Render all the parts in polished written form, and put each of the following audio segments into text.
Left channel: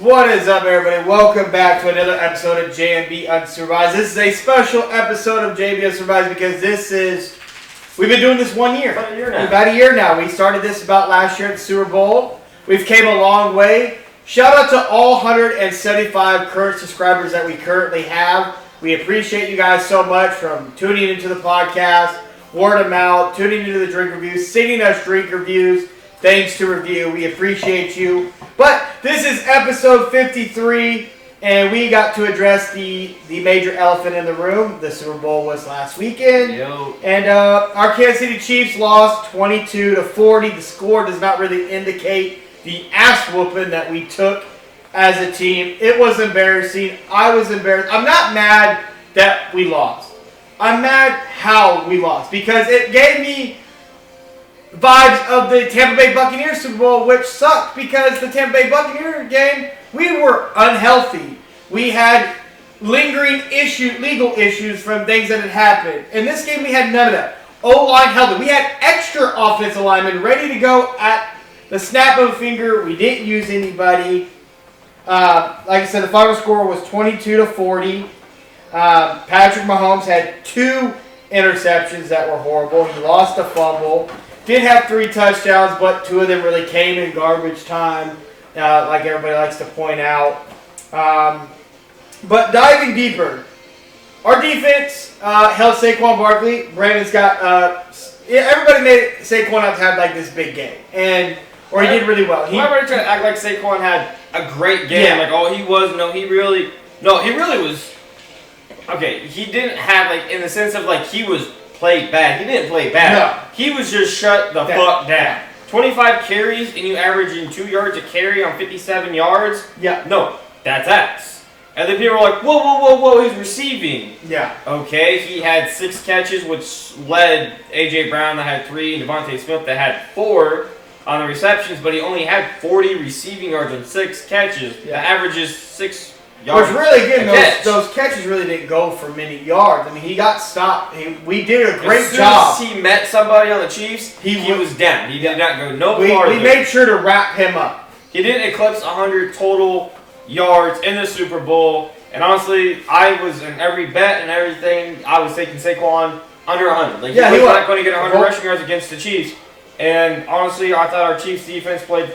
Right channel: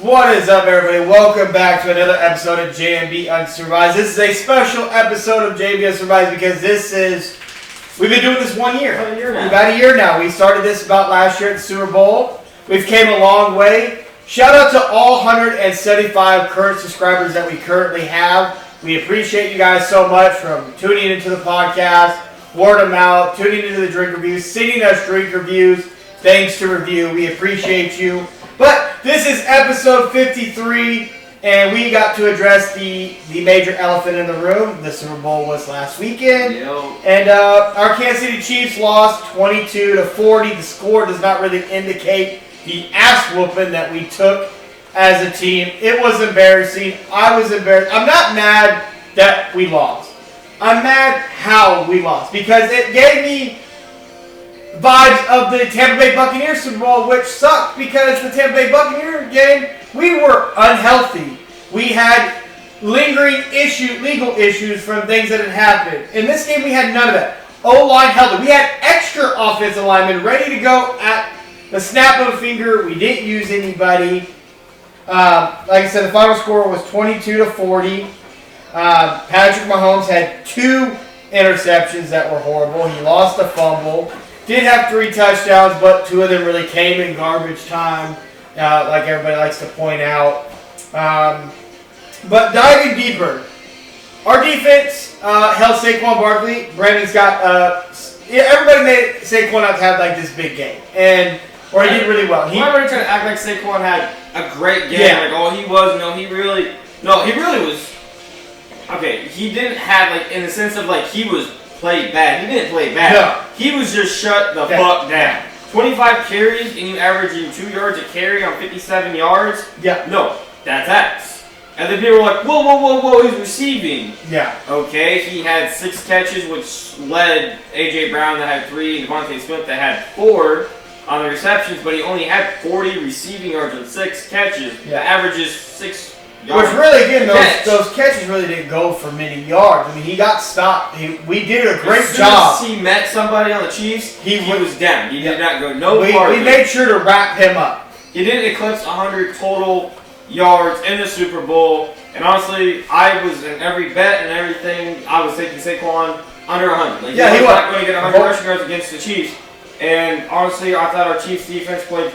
What is up, everybody? Welcome back to another episode of JMB Unsupervised. This is a special episode of JMB Unsupervised because we've been doing this 1 year. About a year now. We started this about last year at the Super Bowl. We've came a long way. Shout out to all 175 current subscribers that we currently have. We appreciate you guys so much from tuning into the podcast, word of mouth, tuning into the drink reviews, sending us drink reviews, thanks to review. We appreciate you. But this is episode 53, and we got to address the major elephant in the room. The Super Bowl was last weekend. And our Kansas City Chiefs lost 22-40. The score does not really indicate the ass whooping that we took as a team. It was embarrassing. I was embarrassed. I'm not mad that we lost. I'm mad how we lost because it gave me vibes of the Tampa Bay Buccaneers Super Bowl, which sucked because the Tampa Bay Buccaneers game, we were unhealthy. We had lingering legal issues from things that had happened. In this game, we had none of that. O-line held it. We had extra offensive linemen ready to go at the snap of a finger. We didn't use anybody. Like I said, the final score was 22-40. Patrick Mahomes had 2 interceptions that were horrible. He lost a fumble. Did have 3 touchdowns, but 2 of them really came in garbage time, like everybody likes to point out. But diving deeper, our defense held Saquon Barkley. Brandon's got everybody made Saquon out to have like this big game, or he did really well. Everybody trying to act like Saquon had a great game. Yeah. Like, oh, he was. No, he really was. Okay, he didn't have, like, in the sense of, like, he was played bad. He didn't play bad. No. He was just shut the fuck down. 25 carries and you averaging 2 yards a carry on 57 yards? Yeah. No, that's ass. And then people were like, whoa, he's receiving. Yeah. Okay, he had 6 catches, which led A.J. Brown that had 3, and Devontae Smith that had 4 on the receptions, but he only had 40 receiving yards on 6 catches. Yeah. The average is 6 yards. Which really good. Those catches really didn't go for many yards. I mean, he got stopped. We did a great job. As he met somebody on the Chiefs, he was down. He did not go no farther. We made sure to wrap him up. He didn't eclipse 100 total yards in the Super Bowl. And honestly, I was in every bet and everything. I was taking Saquon under 100. Like, he was not going to get 100 rushing yards against the Chiefs. And honestly, I thought our Chiefs defense played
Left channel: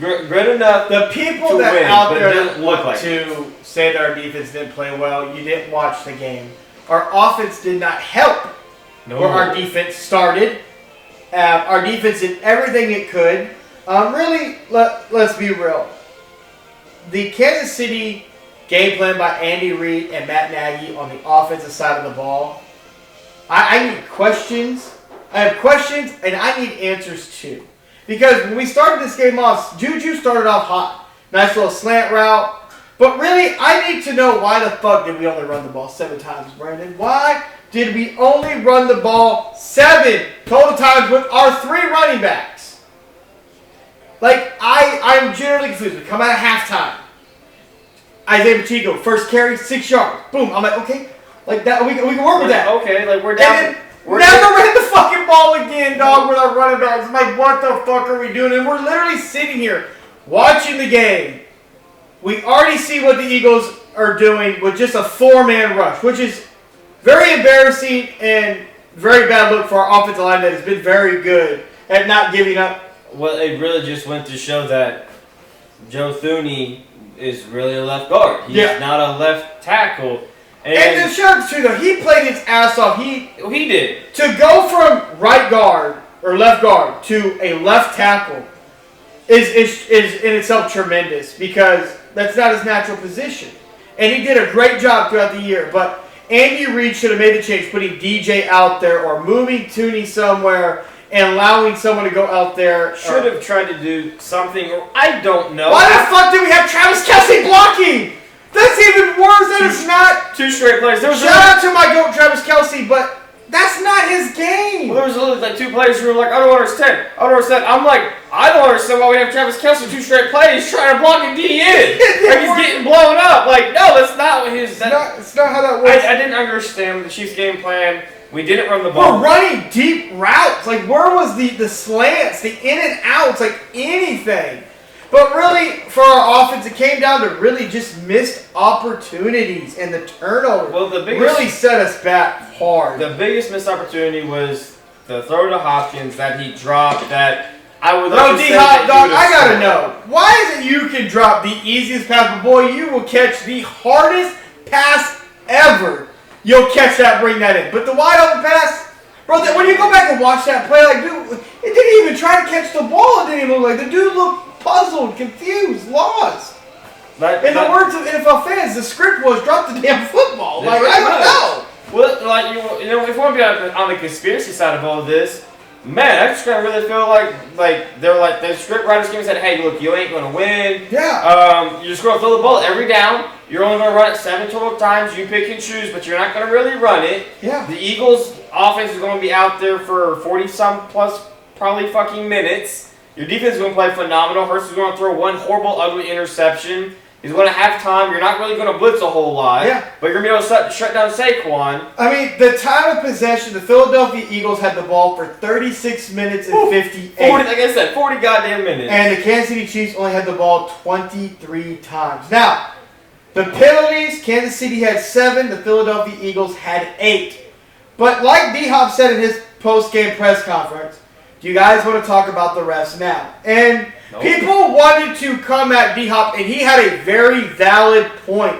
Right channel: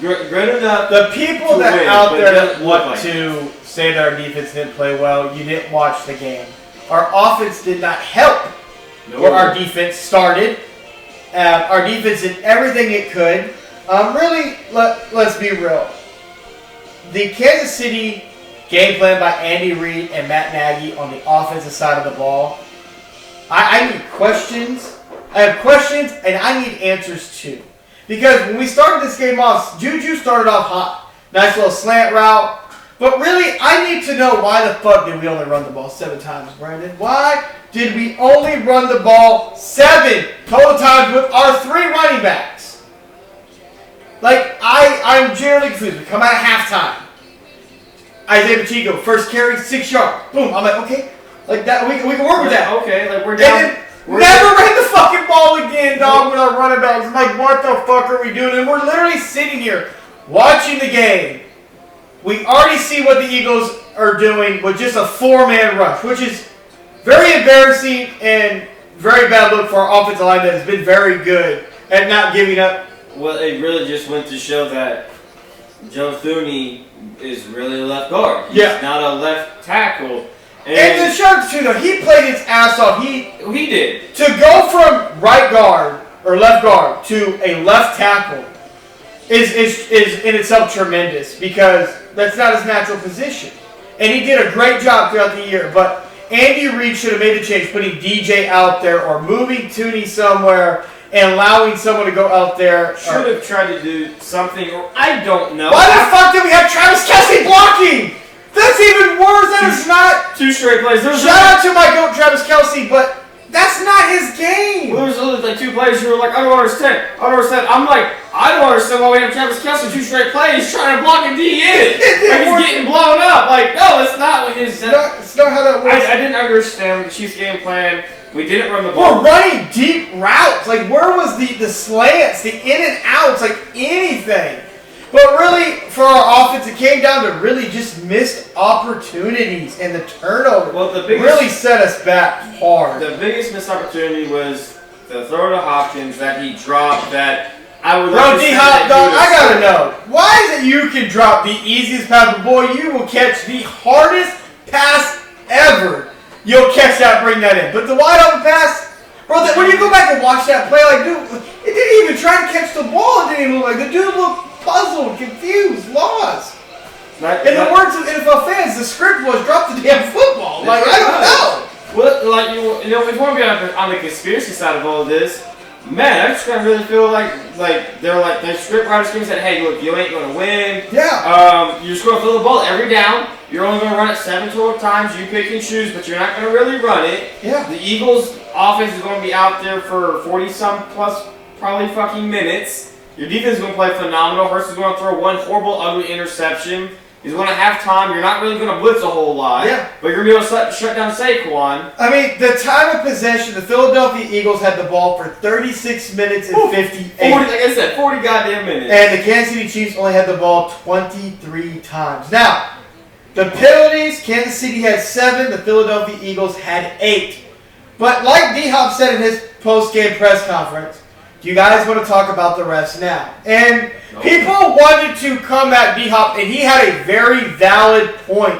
good enough. The people that out there that want to say that our defense didn't play well, you didn't watch the game. Our offense did not help where our defense started. Our defense did everything it could. Really, let's be real. The Kansas City game plan by Andy Reid and Matt Nagy on the offensive side of the ball, I need questions. I have questions, and I need answers too. Because when we started this game off, Juju started off hot. Nice little slant route. But really, I need to know why the fuck did we only run the ball 7 times, Brandon? Why did we only run the ball 7 total times with our 3 running backs? Like, I'm generally confused. We come out at halftime. Isaiah Pacheco, first carry, 6 yards. Boom. I'm like, okay. Like that, we can work with that. Okay, like we're down. Never ran the fucking ball again, dog, with our running backs. I'm like, what the fuck are we doing? And we're literally sitting here watching the game. We already see what the Eagles are doing with just a 4-man rush, which is very embarrassing and very bad look for our offensive line that has been very good at not giving up. Well, it really just went to show that Joe Thuney is really a left guard. He's not a left tackle. And the Sharks too, though, he played his ass off. He did. To go from right guard or left guard to a left tackle is in itself tremendous because that's not his natural position. And he did a great job throughout the year. But Andy Reid should have made the change, putting DJ out there or moving Thuney somewhere and allowing someone to go out there. Should have tried to do something, or I don't know. Why the fuck did we have Travis Kelce blocking? That's even worse. That is not 2 straight plays. Shout out to my goat Travis Kelce, but that's not his game. Well, there was literally like 2 players who were like, I don't understand. I'm like, I don't understand why we have Travis Kelce 2 straight plays trying to block a D in. Like he's getting blown up. Like, no, that's not what his. That's not how that works. I didn't understand the Chiefs game plan. We didn't run the ball. We're running deep routes. Like, where was the slants, the in and outs, like anything? But really, for our offense, it came down to really just missed opportunities and the turnover. Well, the biggest really set us back hard. The biggest missed opportunity was the throw to Hopkins that he dropped. That I would. Bro, D-Hop, dog, I gotta know. Why is it you can drop the easiest pass, but boy, you will catch the hardest pass ever. You'll catch that, bring that in. But the wide open pass, bro, when you go back and watch that play, like, dude, it didn't even try to catch the ball. It didn't even look like the dude looked puzzled, confused, lost. In the words of NFL fans, the script was drop the damn football. Like, I don't know. Well, like, you know, if you want to be on the conspiracy side of all of this, man, I just kind of really feel like they're like the script writers came and said, hey, look, you ain't gonna win. Yeah. You're just gonna throw the ball every down. You're only gonna run it 7 total times. You pick and choose, but you're not gonna really run it. Yeah. The Eagles' offense is gonna be out there for 40-some plus probably fucking minutes. Your defense is gonna play phenomenal. Hurts is gonna throw one horrible, ugly interception. He's going to have time. You're not really going to blitz a whole lot. Yeah. But you're going to be able to shut down Saquon. I mean, the time of possession, the Philadelphia Eagles had the ball for 36 minutes and 58. 40, like I said, 40 goddamn minutes. And the Kansas City Chiefs only had the ball 23 times. Now, the penalties, Kansas City had 7. The Philadelphia Eagles had 8. But like D-Hop said in his post-game press conference, do you guys want to talk about the refs now? And people wanted to come at D-Hop, and he had a very valid point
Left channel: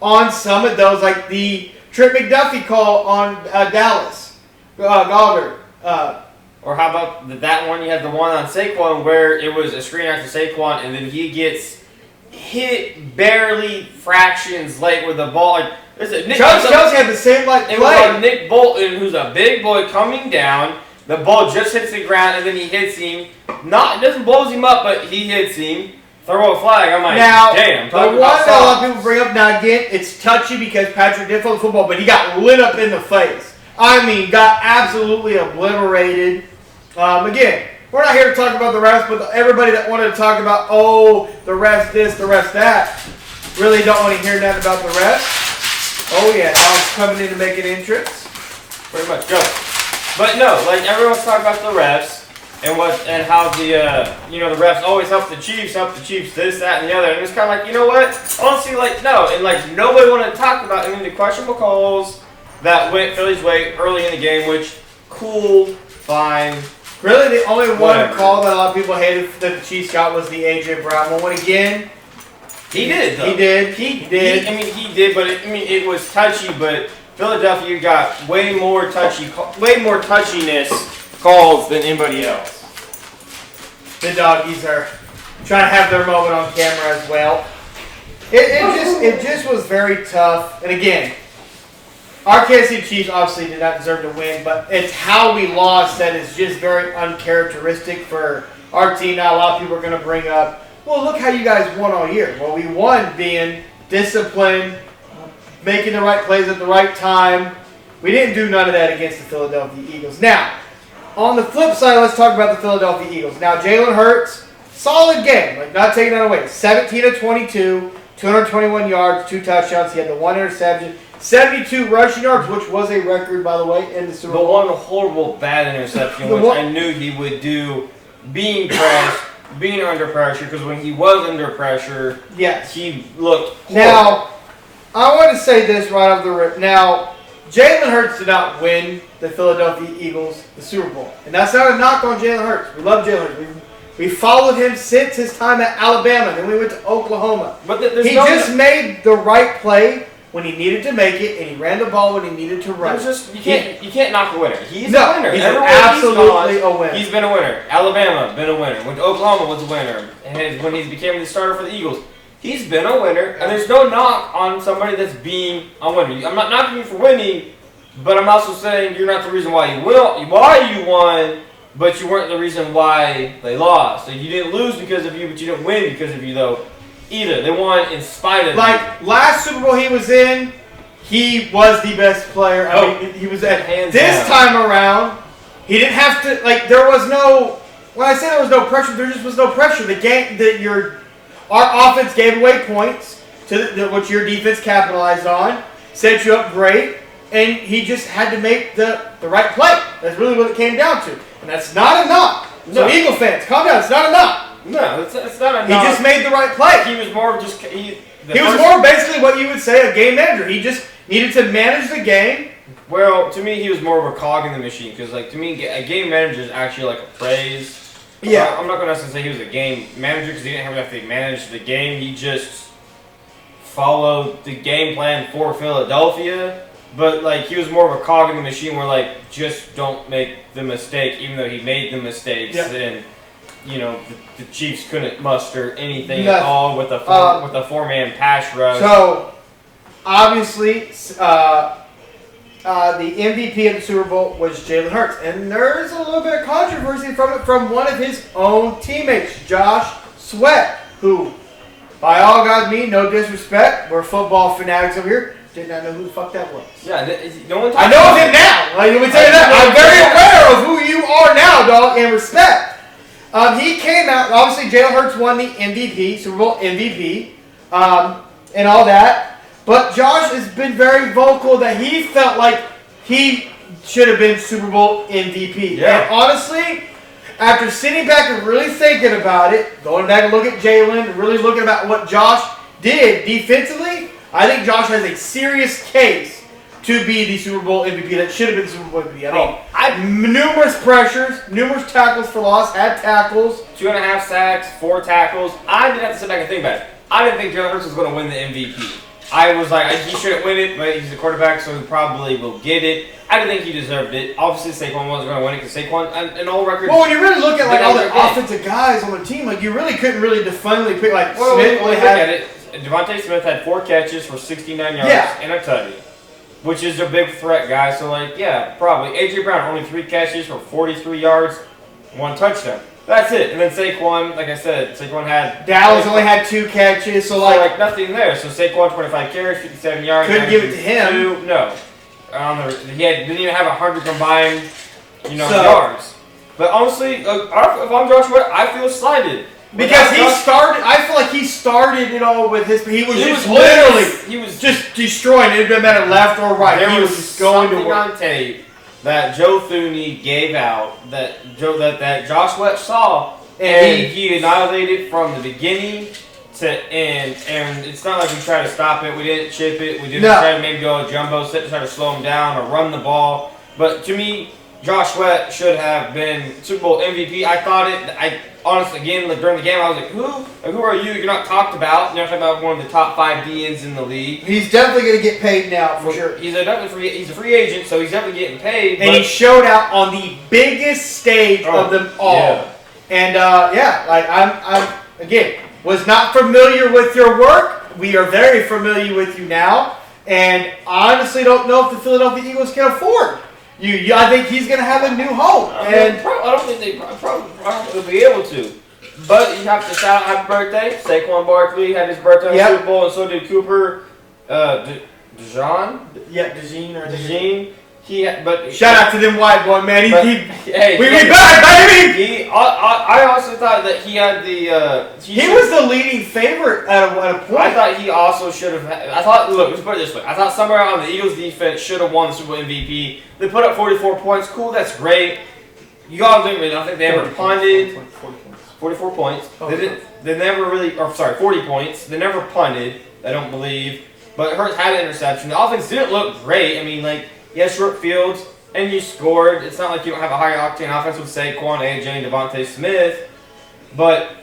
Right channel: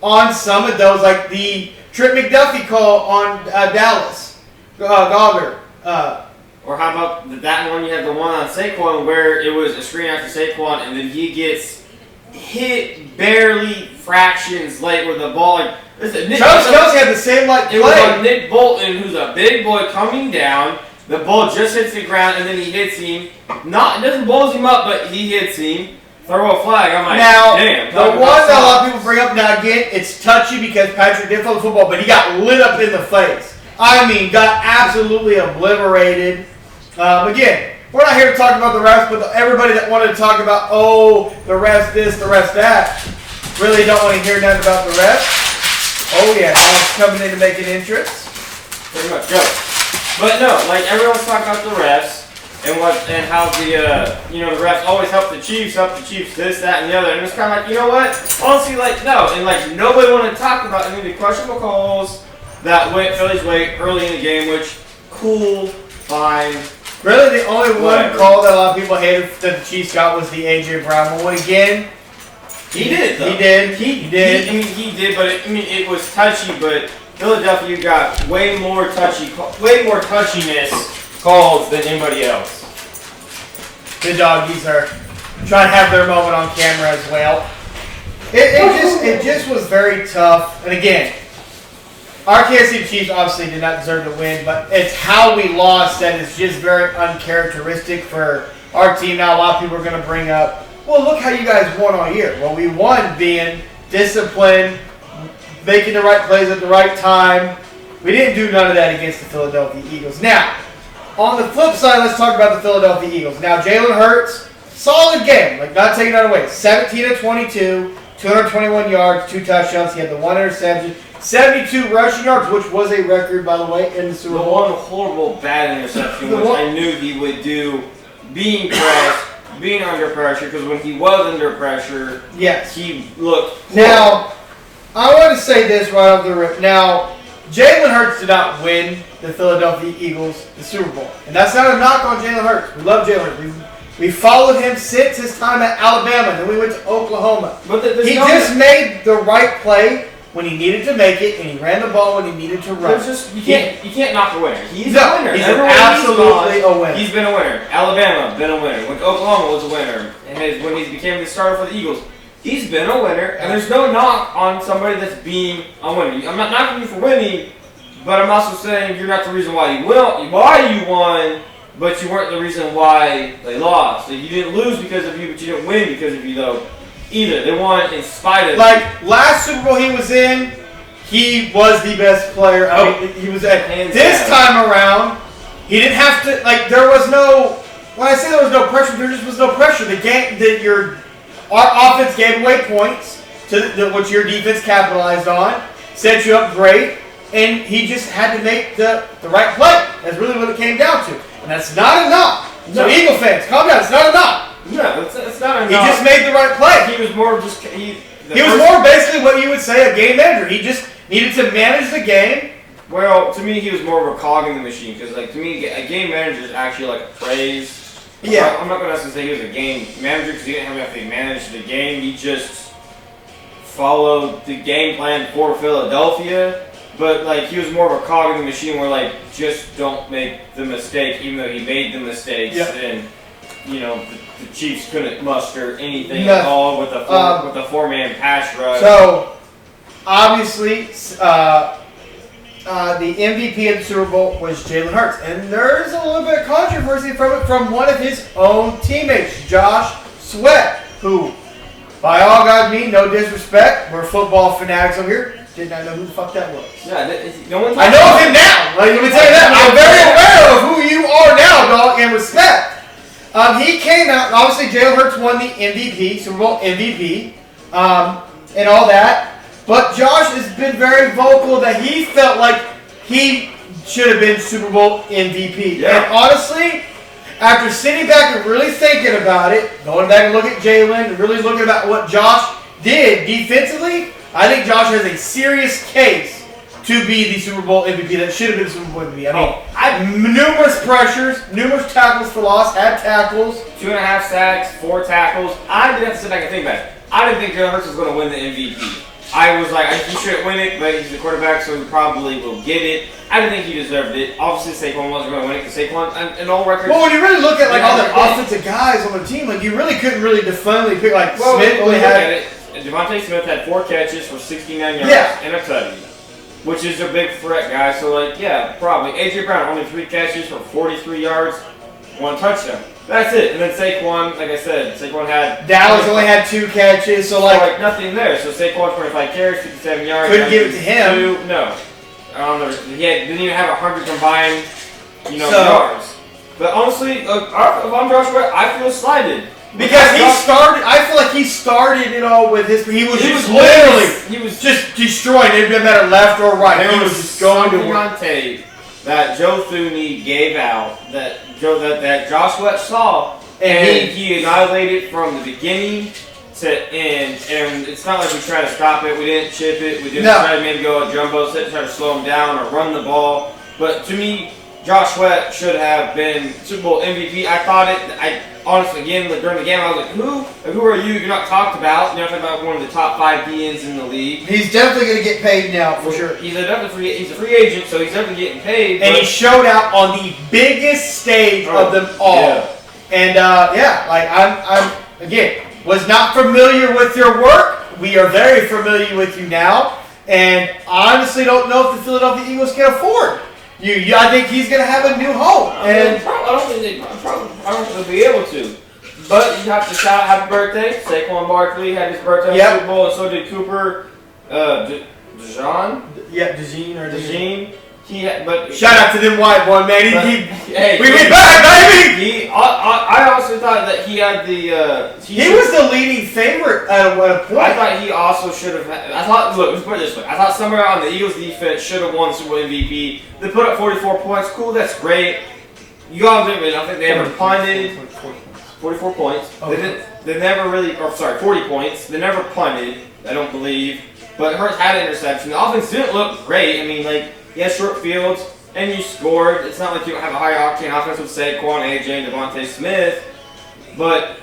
on some of those, like the Trip McDuffie call on Dallas, Goddard. Or how about that one? You had the one on Saquon where it was a screen after Saquon, and then he gets hit barely fractions late with the ball. Like, Kelce had the same play. It was on Nick Bolton, who's a big boy coming down. The ball just hits the ground, and then he hits him. It doesn't blows him up, but he hits him. Throw a flag. I'm like, damn. The one that a lot of people bring up now, again, it's touchy because Patrick did throw the football, but he got lit up in the face. I mean, got absolutely obliterated. Again, we're not here to talk about the refs, but everybody that wanted to talk about, the refs this, the refs that, really don't want to hear that about the refs. Oh, yeah, Tom's coming in to make an entrance. Pretty much. Go. But no, like everyone's talking about the refs and how the the refs always help the Chiefs, this, that, and the other, and it's kind of like, you know what? Honestly, like no, and like nobody wanted to talk about any of the questionable calls that went Philly's way early in the game, which cool, fine. Really, the only one call that a lot of people hated that the Chiefs got was the AJ Brown one. Again, he did. Though. He did. He did, but it was touchy, but. Philadelphia got way more touchiness calls than anybody else. The doggies are trying to have their moment on camera as well. It just was very tough. And again, our Kansas City Chiefs obviously did not deserve to win, but it's how we lost that is just very uncharacteristic for our team. Now a lot of people are going to bring up, well, look how you guys won all year. Well, we won being disciplined, making the right plays at the right time. We didn't do none of that against the Philadelphia Eagles. Now, on the flip side, let's talk about the Philadelphia Eagles. Now, Jalen Hurts, solid game, like not taking that away. 17 of 22, 221 yards, 2 touchdowns. He had the 1 interception, 72 rushing yards, which was a record, by the way, in the Super Bowl. The one horrible bad interception, which I knew he would do, being pressed, being under pressure, because when he was under pressure, yes, he looked horrible. Now, I want to say this right off the rip. Now, Jalen Hurts did not win the Philadelphia Eagles the Super Bowl. And that's not a knock on Jalen Hurts. We love Jalen Hurts. We followed him since his time at Alabama. Then we went to Oklahoma. But he just made the right play when he needed to make it, and he ran the ball when he needed to run. You can't knock a winner. He's a winner. He's absolutely a winner. He's been a winner. Alabama, been a winner. When Oklahoma was a winner. And when he became the starter for the Eagles, he's been a winner, and there's no knock on somebody that's being a winner. I'm not knocking you for winning, but I'm also saying you're not the reason why you won, but you weren't the reason why they lost. Like, you didn't lose because of you, but you didn't win because of you, though, either. They won in spite of you. Like, last Super Bowl he was in, he was the best player. I mean, he was at this time around, he didn't have to, like, there was no, when I say there was no pressure, there just was no pressure. The game, our offense gave away points to which your defense capitalized on, set you up great, and he just had to make the right play. That's really what it came down to. And that's not enough. No. So Eagle fans, calm down. It's not enough. No, it's not enough. He just made the right play. He was more just he was more basically what you would say a game manager. He just needed to manage the game. Well, to me, he was more of a cog in the machine because, like, to me, a game manager is actually like a praise. Yeah. I'm not going to say he was a game manager because he didn't have to manage the game. He just followed the game plan for Philadelphia. But, like, he was more of a cog in the machine where, like, just don't make the mistake, even though he made the mistakes. Yeah. And, you know, the Chiefs couldn't muster anything at all with a four-man pass rush. So, obviously, the MVP of the Super Bowl was Jalen Hurts. And there is a little bit of controversy from it from one of his own teammates, Josh Sweat, who, by all guys mean, no disrespect, we're football fanatics over here. Did not know who the fuck that was. Yeah, no one. I know him now. Like, let me tell you that. I'm very aware of who you are now, dog, and respect. He came out. Obviously, Jalen Hurts won the MVP, Super Bowl MVP, and all that. But Josh has been very vocal that he felt like he should have been Super Bowl MVP. Yeah. And honestly, after sitting back and really thinking about it, going back and looking at Jalen and really looking about what Josh did defensively, I think Josh has a serious case to be the Super Bowl MVP. That should have been the Super Bowl MVP. I mean, numerous pressures, numerous tackles for loss, had tackles. 2.5 sacks, 4 tackles. I didn't have to sit back and think about it. I didn't think Jalen Hurts was going to win the MVP. I was like, he shouldn't win it, but he's the quarterback, so he probably will get it. I didn't think he deserved it. Obviously, Saquon wasn't going to win it because Saquon, in all records. Well, when you really look at like all the offensive guys on the team, like you really couldn't really definitely pick like well, Smith. Look at it. Devontae Smith had 4 catches for 69 yards and a tutty, which is a big threat, guy. So, like, yeah, probably. A.J. Brown, only 3 catches for 43 yards, 1 touchdown. That's it. And then Saquon, like I said, Saquon had... Dallas only had 2 catches, so like nothing there. So Saquon, 25 carries, 57 yards. Couldn't give it to him. No. I don't know. He didn't even have 100 combined, yards. But honestly, if I'm Josh Sweat, I feel slighted. Because I feel like he started it all with his, he was just destroying it. It didn't matter left or right. He was just going to work. On tape that Joe Thuney gave out that Josh Sweat saw, and he annihilated from the beginning to end. And it's not like we tried to stop it. We didn't chip it. We didn't try to maybe go a jumbo set to try to slow him down or run the ball. But to me, Josh Sweat should have been Super Bowl MVP. I thought it. Honestly, again, during the game, I was like, who are you? You're not talked about. You're not talking about one of the top 5 DNs in the league. He's definitely going to get paid now, for sure. He's a free agent, so he's definitely getting paid. And he showed out on the biggest stage of them all. Yeah. And, I'm again, was not familiar with your work. We are very familiar with you now. And I honestly don't know if the Philadelphia Eagles can afford I think he's going to have a new home. I don't think they'll be able to. But you have to shout out happy birthday. Saquon Barkley had his birthday on the Super Bowl, and so did Cooper DeJean. Yeah, DeJean. Shout out to them white boy, man. We back, baby. I also thought that he had the. He was the leading favorite at a point. I thought he also should have. Look, let's put it this way. I thought somewhere on the Eagles defense should have won the Super Bowl MVP. They put up 44 points. Cool, that's great. You got to admit, I don't think they ever punted. 44 points. They never really. 40 points. They never punted. I don't believe. But Hurts had an interception. The offense didn't look great. I mean, like. He has short fields, and you scored. It's not like you don't have a high-octane offense with Saquon, AJ, and Devontae Smith, but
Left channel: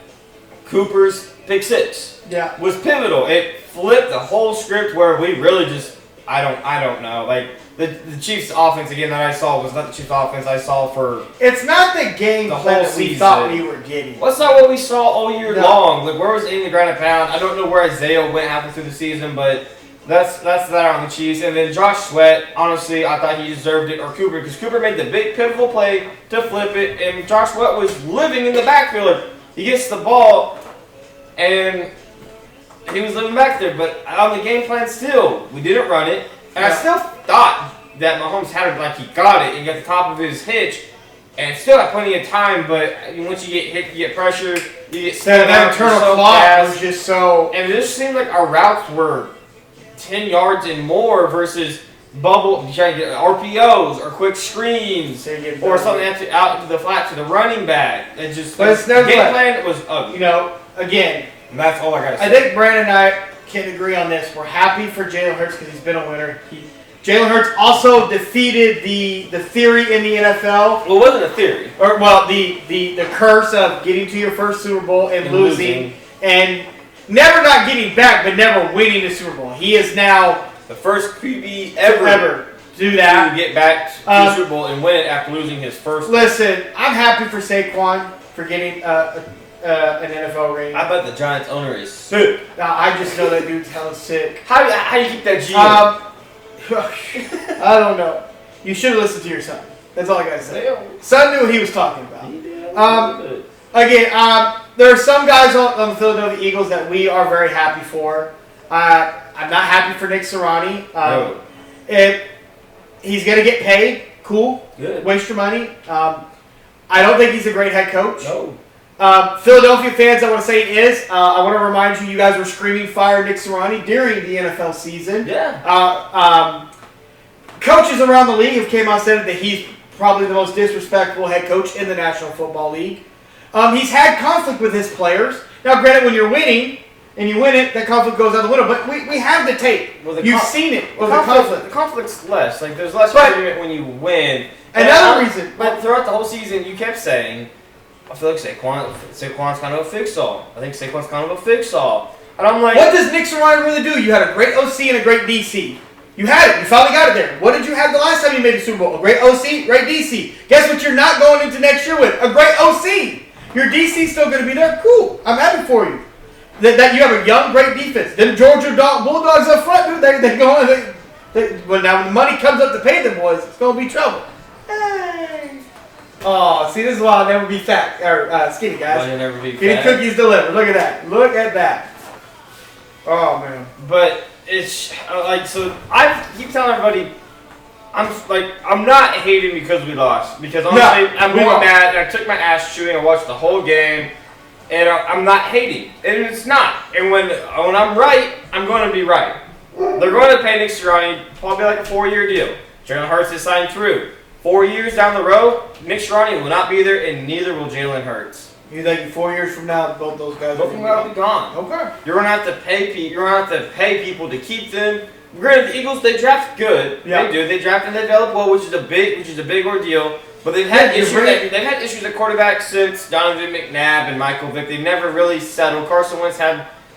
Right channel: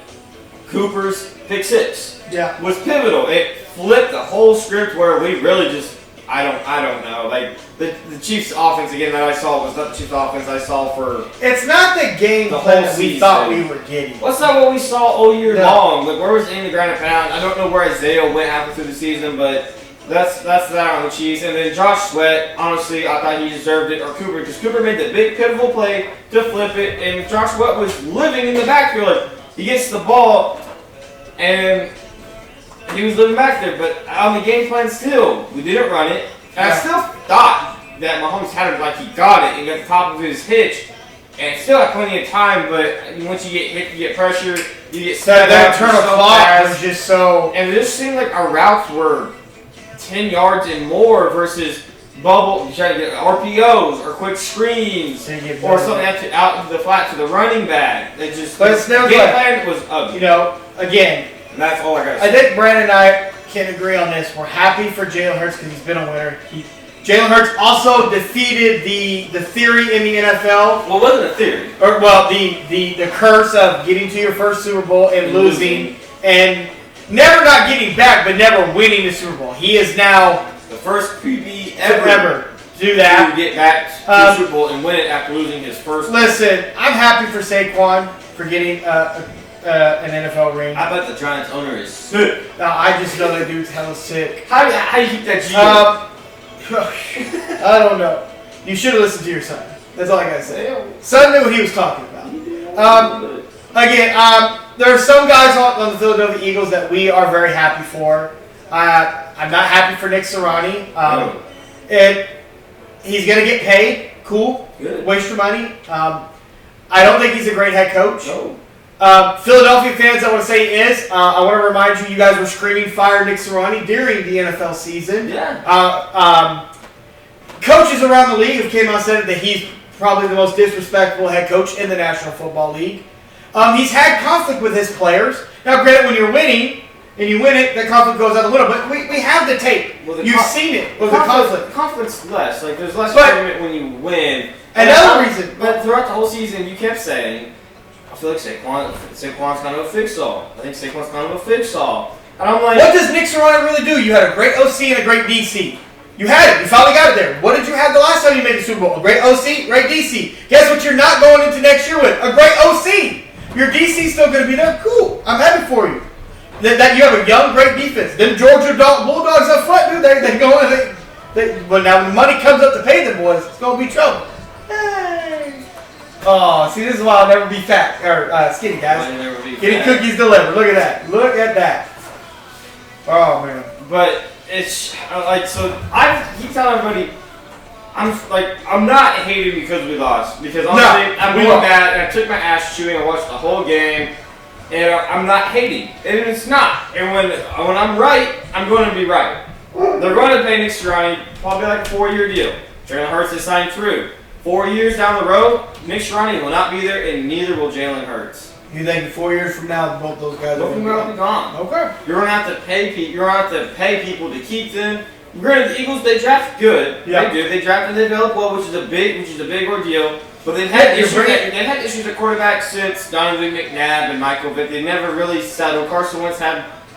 Cooper's pick 6 was pivotal. It flipped the whole script where we really just I don't know. Like the Chiefs' offense again that I saw was not the Chiefs' offense I saw for. It's not the game plan that we thought we were getting. Well, that's not what we saw all year long. Like where was in the ground and pound? I don't know where Isaiah went halfway through the season, but. That's that on the Chiefs. And then Josh Sweat, honestly, I thought he deserved it, or Cooper, because Cooper made the big pivotal play to flip it, and Josh Sweat was living in the backfield. He gets the ball, and he was living back there. But on the game plan still, we didn't run it. And I still thought that Mahomes had it like he got it and got the top of his hitch, and still had plenty of time, but once you get hit, you get pressure, you get set up. That internal clock was just so... And it just seemed like our routes were 10 yards and more versus bubble, trying to get RPOs or quick screens or something out the flat to the running back. It just game plan was ugly. You know, again, and that's all I gotta say. I think Brandon and I can agree on this. We're happy for Jalen Hurts because he's been a winner. Jalen Hurts also defeated the theory in the NFL. Well, it wasn't a theory. The curse of getting to your first Super Bowl and losing and never not getting back, but never winning the Super Bowl. He is now the first QB ever to do that. To get back to the Super Bowl and win it after losing his first. Listen, I'm happy for Saquon for getting an NFL ring. I bet the Giants owner is sick. I just know that dude's hella sick. How do you keep that G? I don't know. You should have listened to your son. That's all I gotta say. Yeah. Son knew what he was talking about. Again, there are some guys on the Philadelphia Eagles that we are very happy for. I'm not happy for Nick Sirianni. And he's gonna get paid. Cool. Good. Waste your money. I don't think he's a great head coach. No. Philadelphia fans, I want to say I want to remind you guys were screaming fire Nick Sirianni during the NFL season. Yeah. Coaches around the league have came out and said that he's probably the most disrespectful head coach in the National Football League. He's had conflict with his players. Now, granted, when you're winning and you win it, that conflict goes out the window. But we have the tape. You've seen it with the conflict. The conflict's less. Like, there's less argument when you win. Another reason. But throughout the whole season, you kept saying, I feel like Saquon's kind of a fix-all. I think Saquon's kind of a fix-all. And I'm like, what does Nick Sirianni really do? You had a great OC and a great DC. You had it. You finally got it there. What did you have the last time you made the Super Bowl? A great OC, great DC. Guess what you're not going into next year with? A great OC. Your DC's still going to be there. Cool. I'm happy for you. That you have a young, great defense. Them Georgia Bulldogs up front, dude, they go in. Well, now when the money comes up to pay them boys, it's going to be trouble. Hey. Oh, see, this is why I'll never be fat or skinny, guys. I'll never be Getting fat. cookies delivered. Look at that. Look at that. Oh, man. But it's like, so I keep telling everybody, I'm not hating because we lost. Because honestly, I'm really mad, and I took my ass chewing and watched the whole game, and I'm not hating. And it's not. And when I'm right, I'm going to be right. They're going to pay Nick Sirianni probably like a 4-year deal. Jalen Hurts is signed through. 4 years down the road, Nick Sirianni will not be there, and neither will Jalen Hurts. You think 4 years from now, both those guys will be gone? Okay. You're gonna have to pay people. You're gonna have to pay people to keep them. Granted, the Eagles, they draft good. Yeah. They do. They draft and they develop well, which is a big ordeal. But they've had issues. They've had issues at quarterback since Donovan McNabb and Michael Vick. They never really settled. Carson Wentz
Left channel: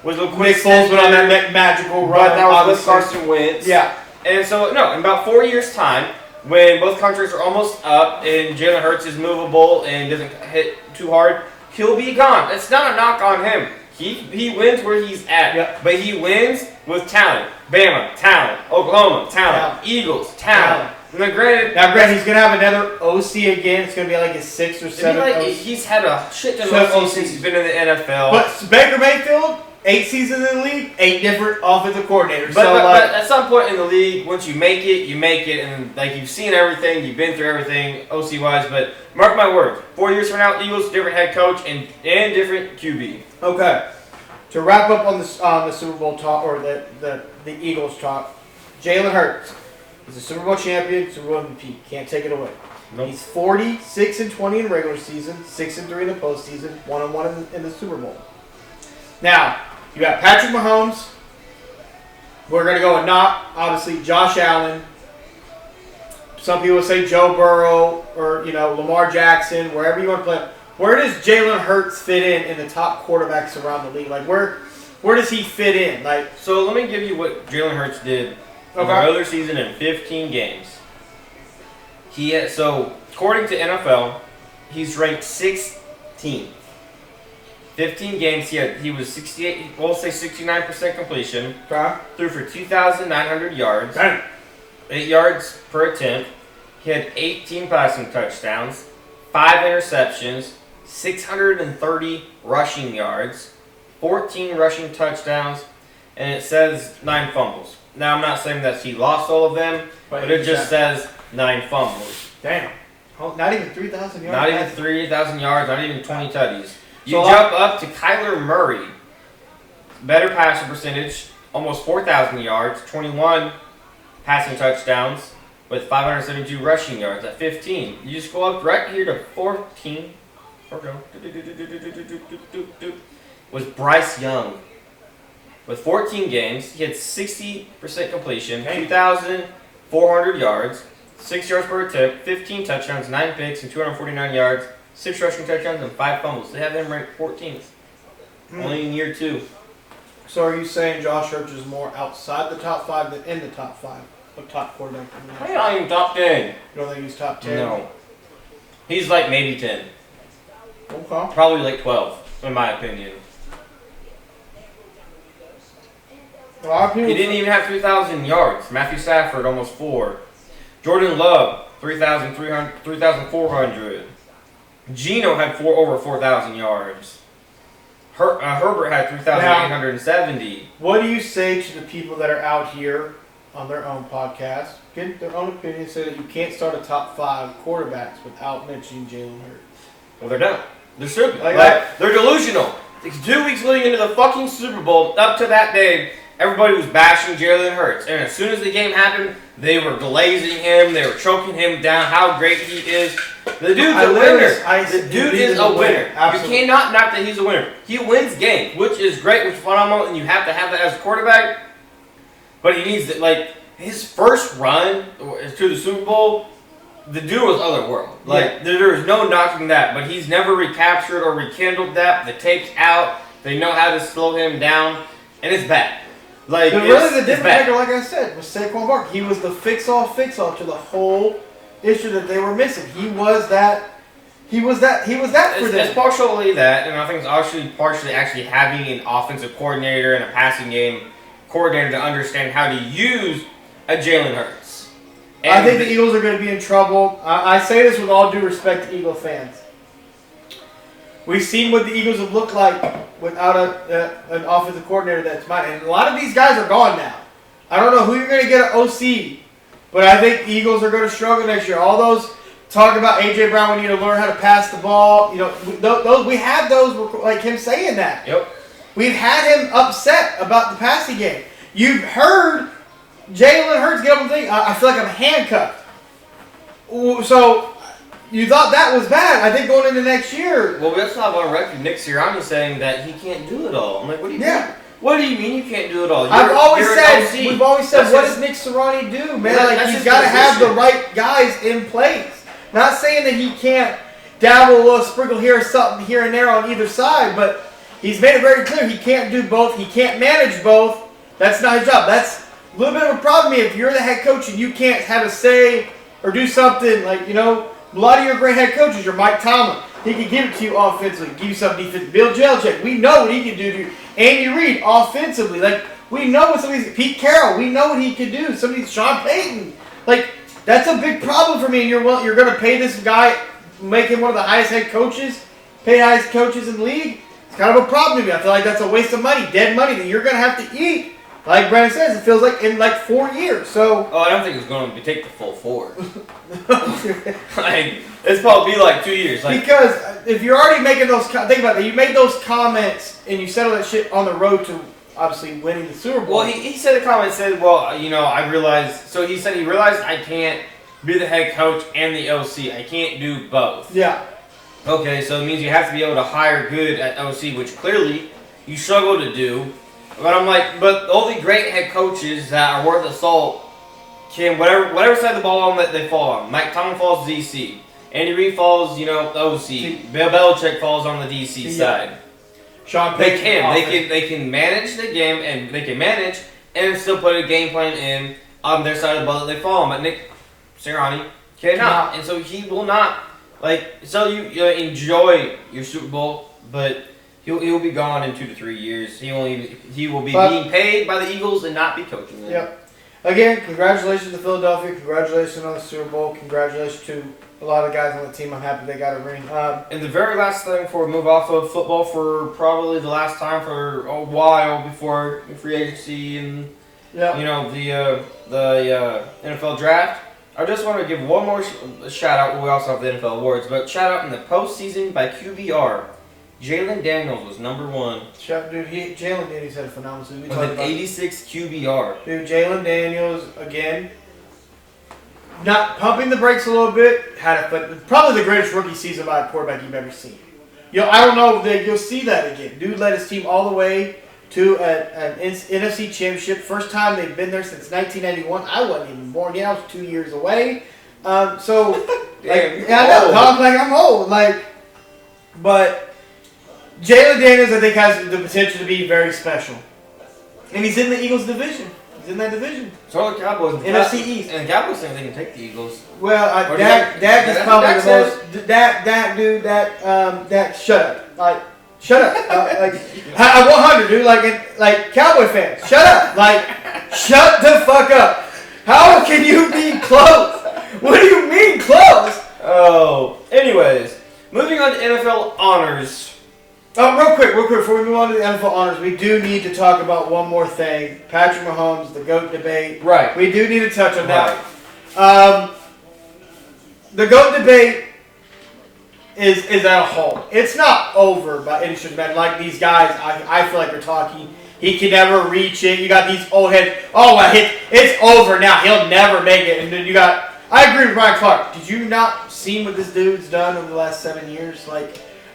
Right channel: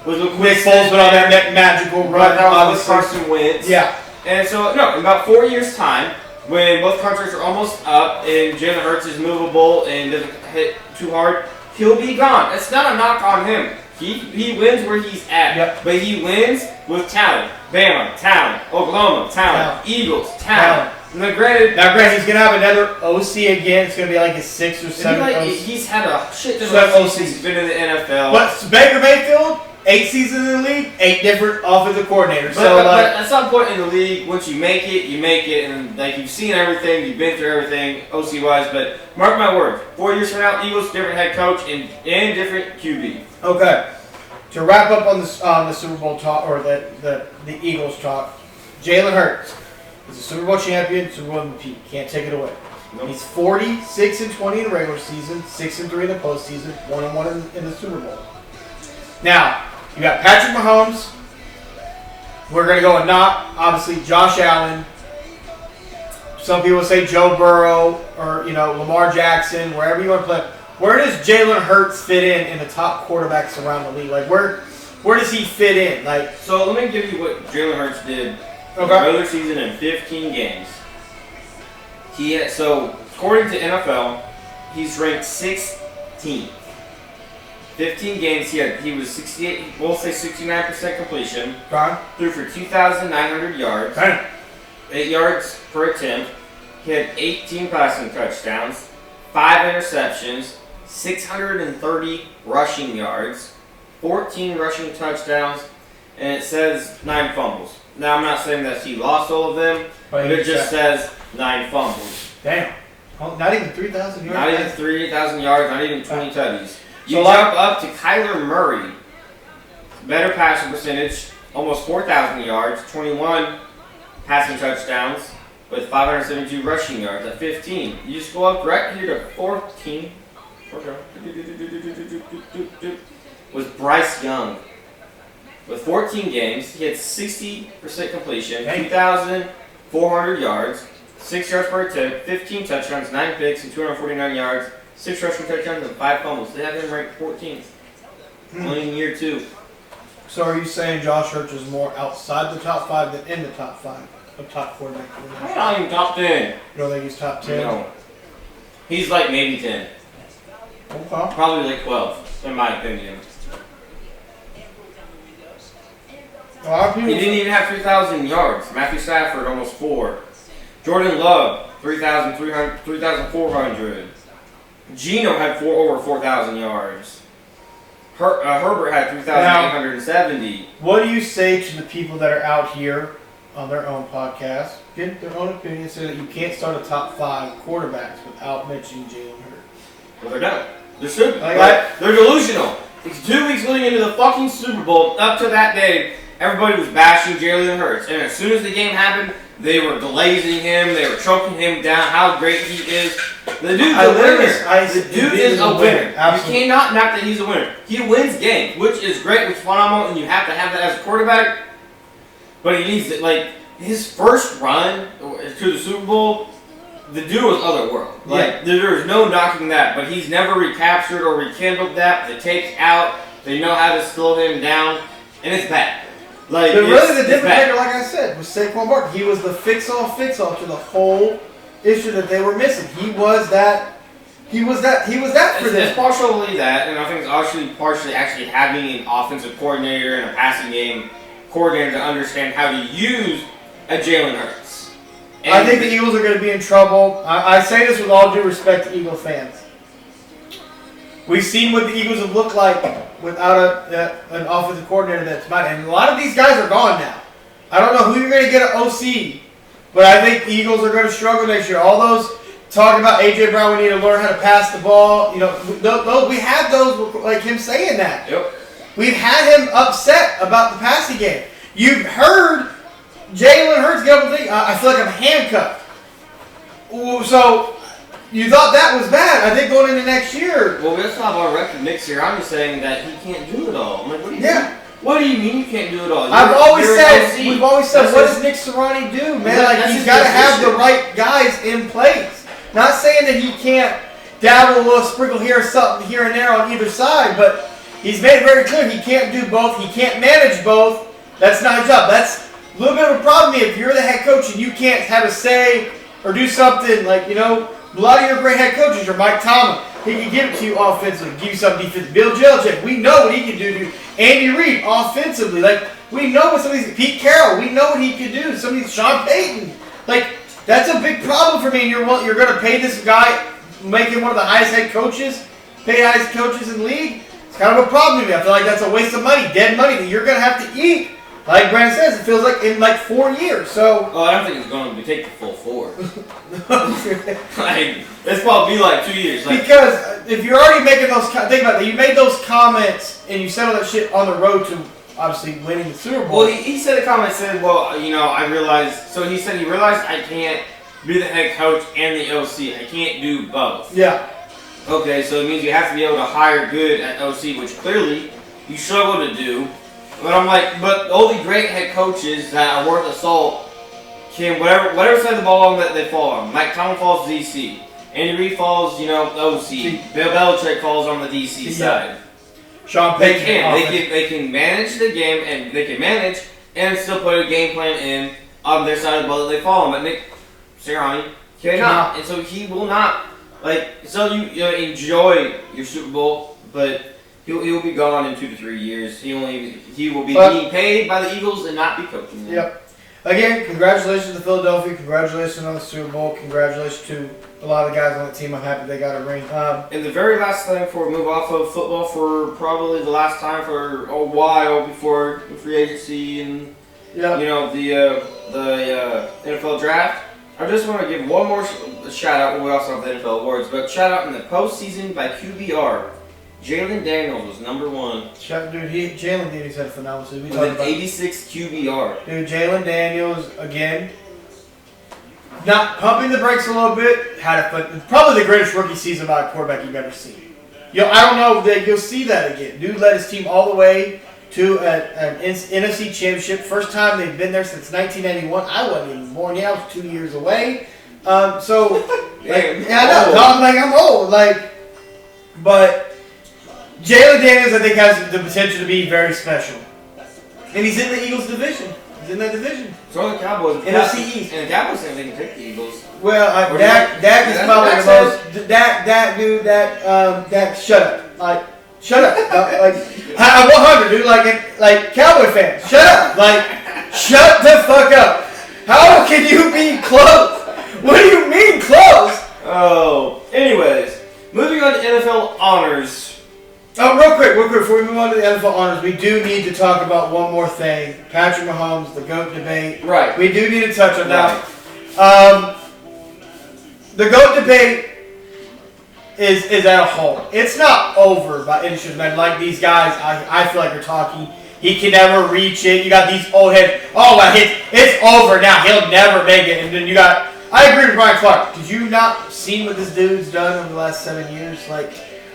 was a quick Foles went on that magical run. But that was with Carson Wentz. Yeah. And so in about 4 years' time, when both contracts are almost up and Jalen Hurts is movable and doesn't hit too hard, he'll be gone. It's not a knock on him. He wins where he's at. Yep. But he wins with talent. Bama, talent. Oklahoma, talent. Eagles, talent. Now, granted, he's going to have another OC again. It's going to be like his 6th or 7th. He's had a shit ton of OCs since he's been in the NFL. But Baker Mayfield, 8 seasons in the league, 8 different offensive coordinators. But at some point in the league, once you make it, you make it. And like you've seen everything, you've been through everything OC-wise. But mark my words, 4 years from now, Eagles, different head coach and different QB. Okay. To wrap up on the Super Bowl talk, or the Eagles talk, Jalen Hurts is a Super Bowl champion, Super Bowl MVP. Can't take it away. Nope. He's 46-20 in the regular season, 6-3 in the postseason, 1-1 in the Super Bowl. Now, you got Patrick Mahomes. We're going to go with obviously Josh Allen. Some people say Joe Burrow or Lamar Jackson, wherever you want to play. Where does Jalen Hurts fit in the top quarterbacks around the league? Like where does he fit in? Like, so let me give you what Jalen Hurts did in the regular season in 15 games. So according to NFL, he's ranked 16th. 15 games he was 68. We'll say 69% completion. Threw for 2,900 yards. 8 yards per attempt. He had 18 passing touchdowns, 5 interceptions, 630 rushing yards, 14 rushing touchdowns, and it says 9 fumbles. Now, I'm not saying that he lost all of them, but it just says 9 fumbles. Damn. Oh, not even 3,000 yards? Not even 3,000 yards, not even 20 tutties. You jump up to Kyler Murray, better passing percentage, almost 4,000 yards, 21 passing touchdowns with 572 rushing yards at 15. You just go up right here to 14. Okay. Was Bryce Young. With 14 games, he had 60% completion, 2,400 yards, 6 yards per attempt, 15 touchdowns, 9 picks, and 249 yards, 6 rushing touchdowns, and 5 fumbles. They have him ranked 14th. Only in year 2. So are you saying Josh Hurts is more outside the top 5 than in the top 5 of top quarterback? I'm not even top 10. You don't think he's top 10? No. He's like maybe 10. Okay. Probably like 12, in my opinion. He didn't even have 3,000 yards. Matthew Stafford, almost 4. Jordan Love, 3,400. Geno had over 4,000 yards. Herbert had 3,870. What do you say to the people that are out here on their own podcast, get their own opinion, say that you can't start a top 5 quarterbacks without mentioning Jalen Hurts? Well, they're done. They're stupid. They're delusional. It's 2 weeks leading into the fucking Super Bowl. Up to that day, everybody was bashing Jalen Hurts. And as soon as the game happened, they were glazing him. They were choking him down, how great he is. The dude's a winner. The dude is a winner. Absolutely. You cannot knock that he's a winner. He wins games, which is great, which is phenomenal, and you have to have that as a quarterback. But he needs to, his first run to the Super Bowl, the dude was otherworldly. There is no knocking that, but he's never recaptured or rekindled that. The tape's out. They know how to slow him down, and it's bad. But really, the difference maker, like I said, was Saquon Barkley. He was the fix-all to the whole issue that they were missing. He was that for them. It's partially that, and I think it's partially actually having an offensive coordinator and a passing game coordinator to understand how to use a Jalen Hurts. And I think the Eagles are going to be in trouble. I say this with all due respect to Eagle fans. We've seen what the Eagles have looked like without an offensive coordinator that's mine. And a lot of these guys are gone now. I don't know who you're going to get at OC, but I think the Eagles are going to struggle next year. All those talk about A.J. Brown, we need to learn how to pass the ball. We have those like him saying that. Yep. We've had him upset about the passing game. You've heard Jalen Hurts get up and think, I feel like I'm handcuffed. So you thought that was bad. I think going into next year. Well, we also have our record. Nick Sirianni saying that he can't do it all. I'm like, what do you mean? What do you mean you can't do it all? We've always said, what does Nick Sirianni do, man? He's got to have the right guys in place. Not saying that he can't dabble a little sprinkle here, something here and there on either side, but he's made it very clear he can't do both. He can't manage both. That's not his job. That's a little bit of a problem if you're the head coach and you can't have a say or do something a lot of your great head coaches are Mike Tomlin. He can give it to you offensively, give you something defensively. Bill Belichick, we know what he can do to you. Andy Reid, offensively. We know what some of these, Pete Carroll, we know what he can do. Some of these, Sean Payton. That's a big problem for me. And you're going to pay this guy, make him one of the highest head coaches, highest coaches in the league. It's kind of a problem to me. I feel like that's a waste of money, dead money that you're going to have to eat. Like Brandon says, it feels like in 4 years. So. Oh, I don't think it's going to take the full 4. It's probably 2 years. Because if you're already making those, think about that. You made those comments and you said all that shit on the road to obviously winning the Super Bowl. Well, he said a comment said, I realized. So he said he realized I can't be the head coach and the OC. I can't do both. Yeah. Okay, so it means you have to be able to hire good at OC, which clearly you struggle to do. But I'm but all the great head coaches that are worth the salt can, whatever side of the ball on that they fall on. Mike Tomlin falls DC. Andy Reid falls, OC. Bill Belichick falls on the DC side. Sean Payton. They can manage the game and they can manage and still put a game plan in on their side of the ball that they fall on. But Nick Sirianni cannot. And so he will not, so you enjoy your Super Bowl, but He'll be gone in 2 to 3 years. He will be being paid by the Eagles and not be coaching them. Yep. Again, congratulations to Philadelphia. Congratulations on the Super Bowl. Congratulations to a lot of the guys on the team. I'm happy they got a ring. And the very last thing before we move off of football for probably the last time for a while before free agency and the NFL draft. I just want to give one more shout out. We also have the NFL awards, but shout out in the postseason by QBR. Jalen Daniels was number 1. Dude, Jalen Daniels had a phenomenal season. With an 86 QBR. Dude, Jalen Daniels, again, not pumping the brakes a little bit, probably the greatest rookie season by a quarterback you've ever seen. I don't know that you'll see that again. Dude led his team all the way to an NFC championship. First time they've been there since 1991. I wasn't even born yet. I was 2 years away. I'm old. But Jalen Daniels, I think, has the potential to be very special. And he's in the Eagles division. He's in that division. So are the Cowboys. NFC East. And the Cowboys saying they can take the Eagles. Well, Dak is probably the most. Dak, shut up. Shut up. 100, dude. Like Cowboy fans, shut up. Shut the fuck up. How can you be close? What do you mean close? Oh. Anyways, moving on to NFL honors. Oh, real quick, before we move on to the NFL honors, we do need to talk about one more thing. Patrick Mahomes, the GOAT debate. Right. We do need to touch on that. The GOAT debate is at a halt. It's not over by any stretch of the imagination. Like these guys, I feel like you're talking. He can never reach it. You got these old heads. Oh, it's over now. He'll never make it. And then you got. I agree with Brian Clark. Did you not see what this dude's done over the last 7 years?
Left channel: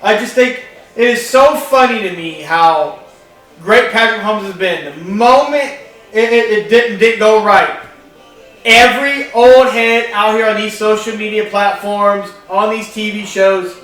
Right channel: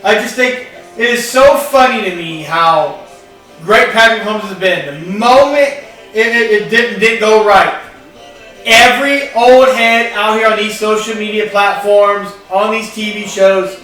I just think it is so funny to me how great Patrick Mahomes has been. The moment it didn't go right, every old head out here on these social media platforms, on these TV shows,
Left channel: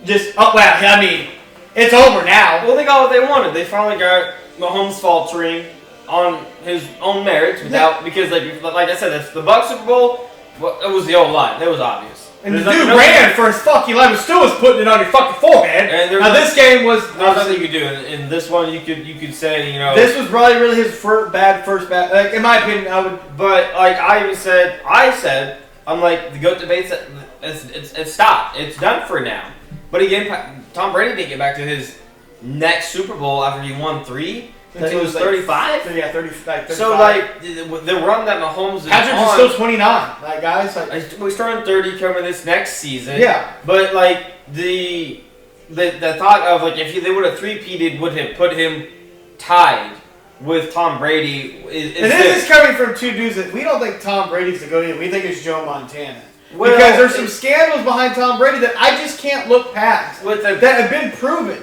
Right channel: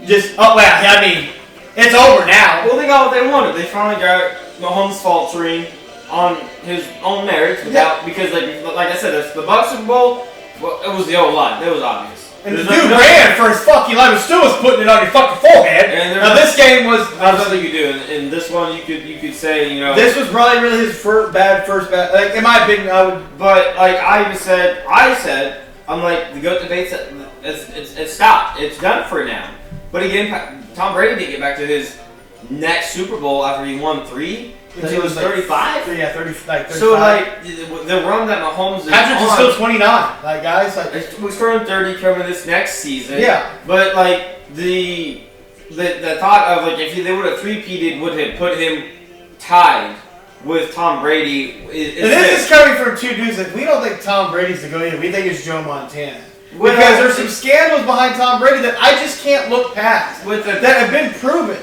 it's over now. Well, they got what they wanted. They finally got Mahomes faltering on his own merits because, like I said, the Bucs Super Bowl, it was the O-line. That was obvious. And the dude ran for his fucking life. Still was putting it on your fucking forehead. And this game was nothing you could do. In this one, you could say, this was probably really his first bad. In my opinion, I would. But I said, I'm like, the GOAT debate's it's stopped. It's done for now. But again, Tom Brady didn't get back to his next Super Bowl after he won 3. He was 35? Yeah, 35. So, the run that Mahomes is Patrick's on... still 29. Guys, He's turning 30 coming this next season. Yeah. But, the thought of, if they would have three-peated would have put him tied with Tom Brady. And this is coming from two dudes that we don't think Tom Brady's the GOAT either. We think it's Joe Montana. Because there's some scandals behind Tom Brady that I just can't look past that have been proven.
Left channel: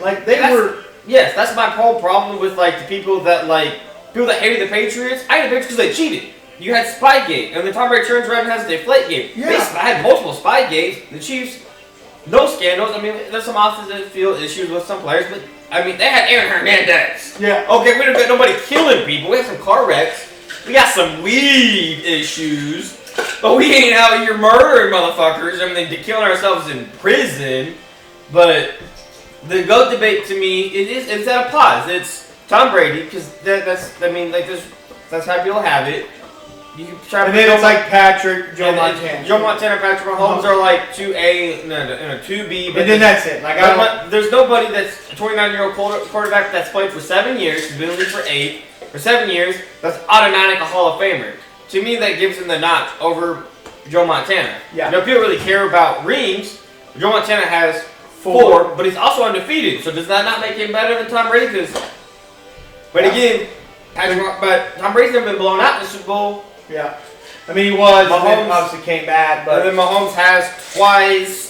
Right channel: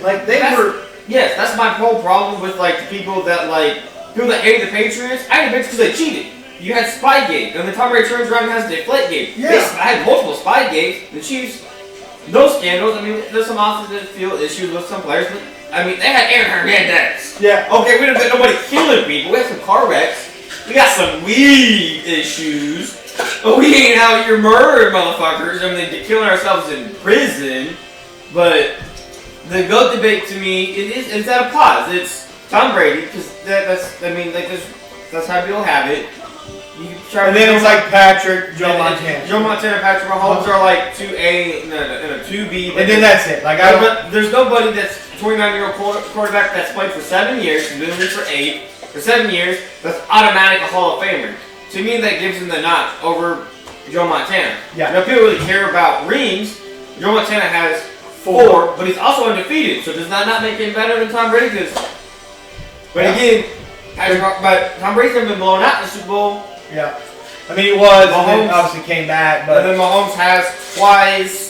Yes, that's my whole problem with the people that people that hate the Patriots. I hate the Patriots because they cheated. You had Spygate, and then Tom Brady turns around and has a Deflategate. Yeah. I had multiple Spygates. The Chiefs, no scandals. I mean, there's some off-the-field issues with some players, but they had Aaron Hernandez. Yeah. Okay, we don't got nobody killing people. We have some car wrecks. We got some weed issues, but we ain't out here murdering motherfuckers. They're killing ourselves in prison, but. The GOAT debate to me, it's at a pause. It's Tom Brady because that's how people have it. And then it's Patrick, Joe Montana. Joe Montana, Patrick Mahomes are 2A and a 2B. And then that's it. There's nobody that's a 29-year-old quarterback that's played for 7 years, who's been in the league for 8, for 7 years, that's automatic a Hall of Famer. To me, that gives him the notch over Joe Montana. Yeah. Now, people really care about rings. Joe Montana has 4, but he's also undefeated. So does that not make him better than Tom Brady? But again, Tom Brady's never been blown out in the Super Bowl. Yeah. He was. Mahomes obviously came back, but then Mahomes has twice.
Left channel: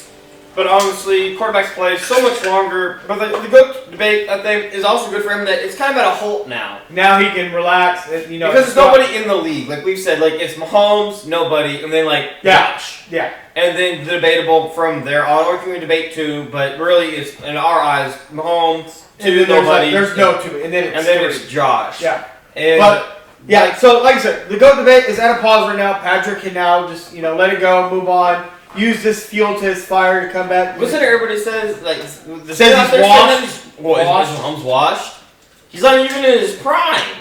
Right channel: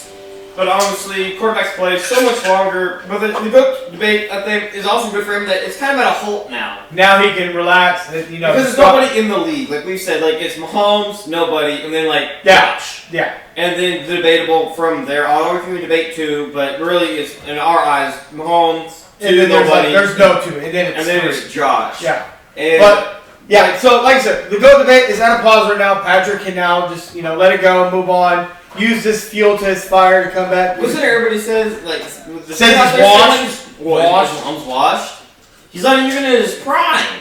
But honestly, quarterbacks play so much longer. But the GOAT debate, I think, is also good for him that it's kind of at a halt now. Now he can relax. And, because there's nobody in the league. Like we've said, it's Mahomes, nobody, and then Josh. Yeah. And then the debatable from there. All we can debate too, but really it's, in our eyes, Mahomes, and then nobody. There's no two. And then it's Josh. Yeah. And so like I said, the GOAT debate is at a pause right now. Patrick can now just, let it go, move on. Use this fuel to his fire to come back. Wasn't everybody says says he's washed? Mahomes washed. He's not even in his prime.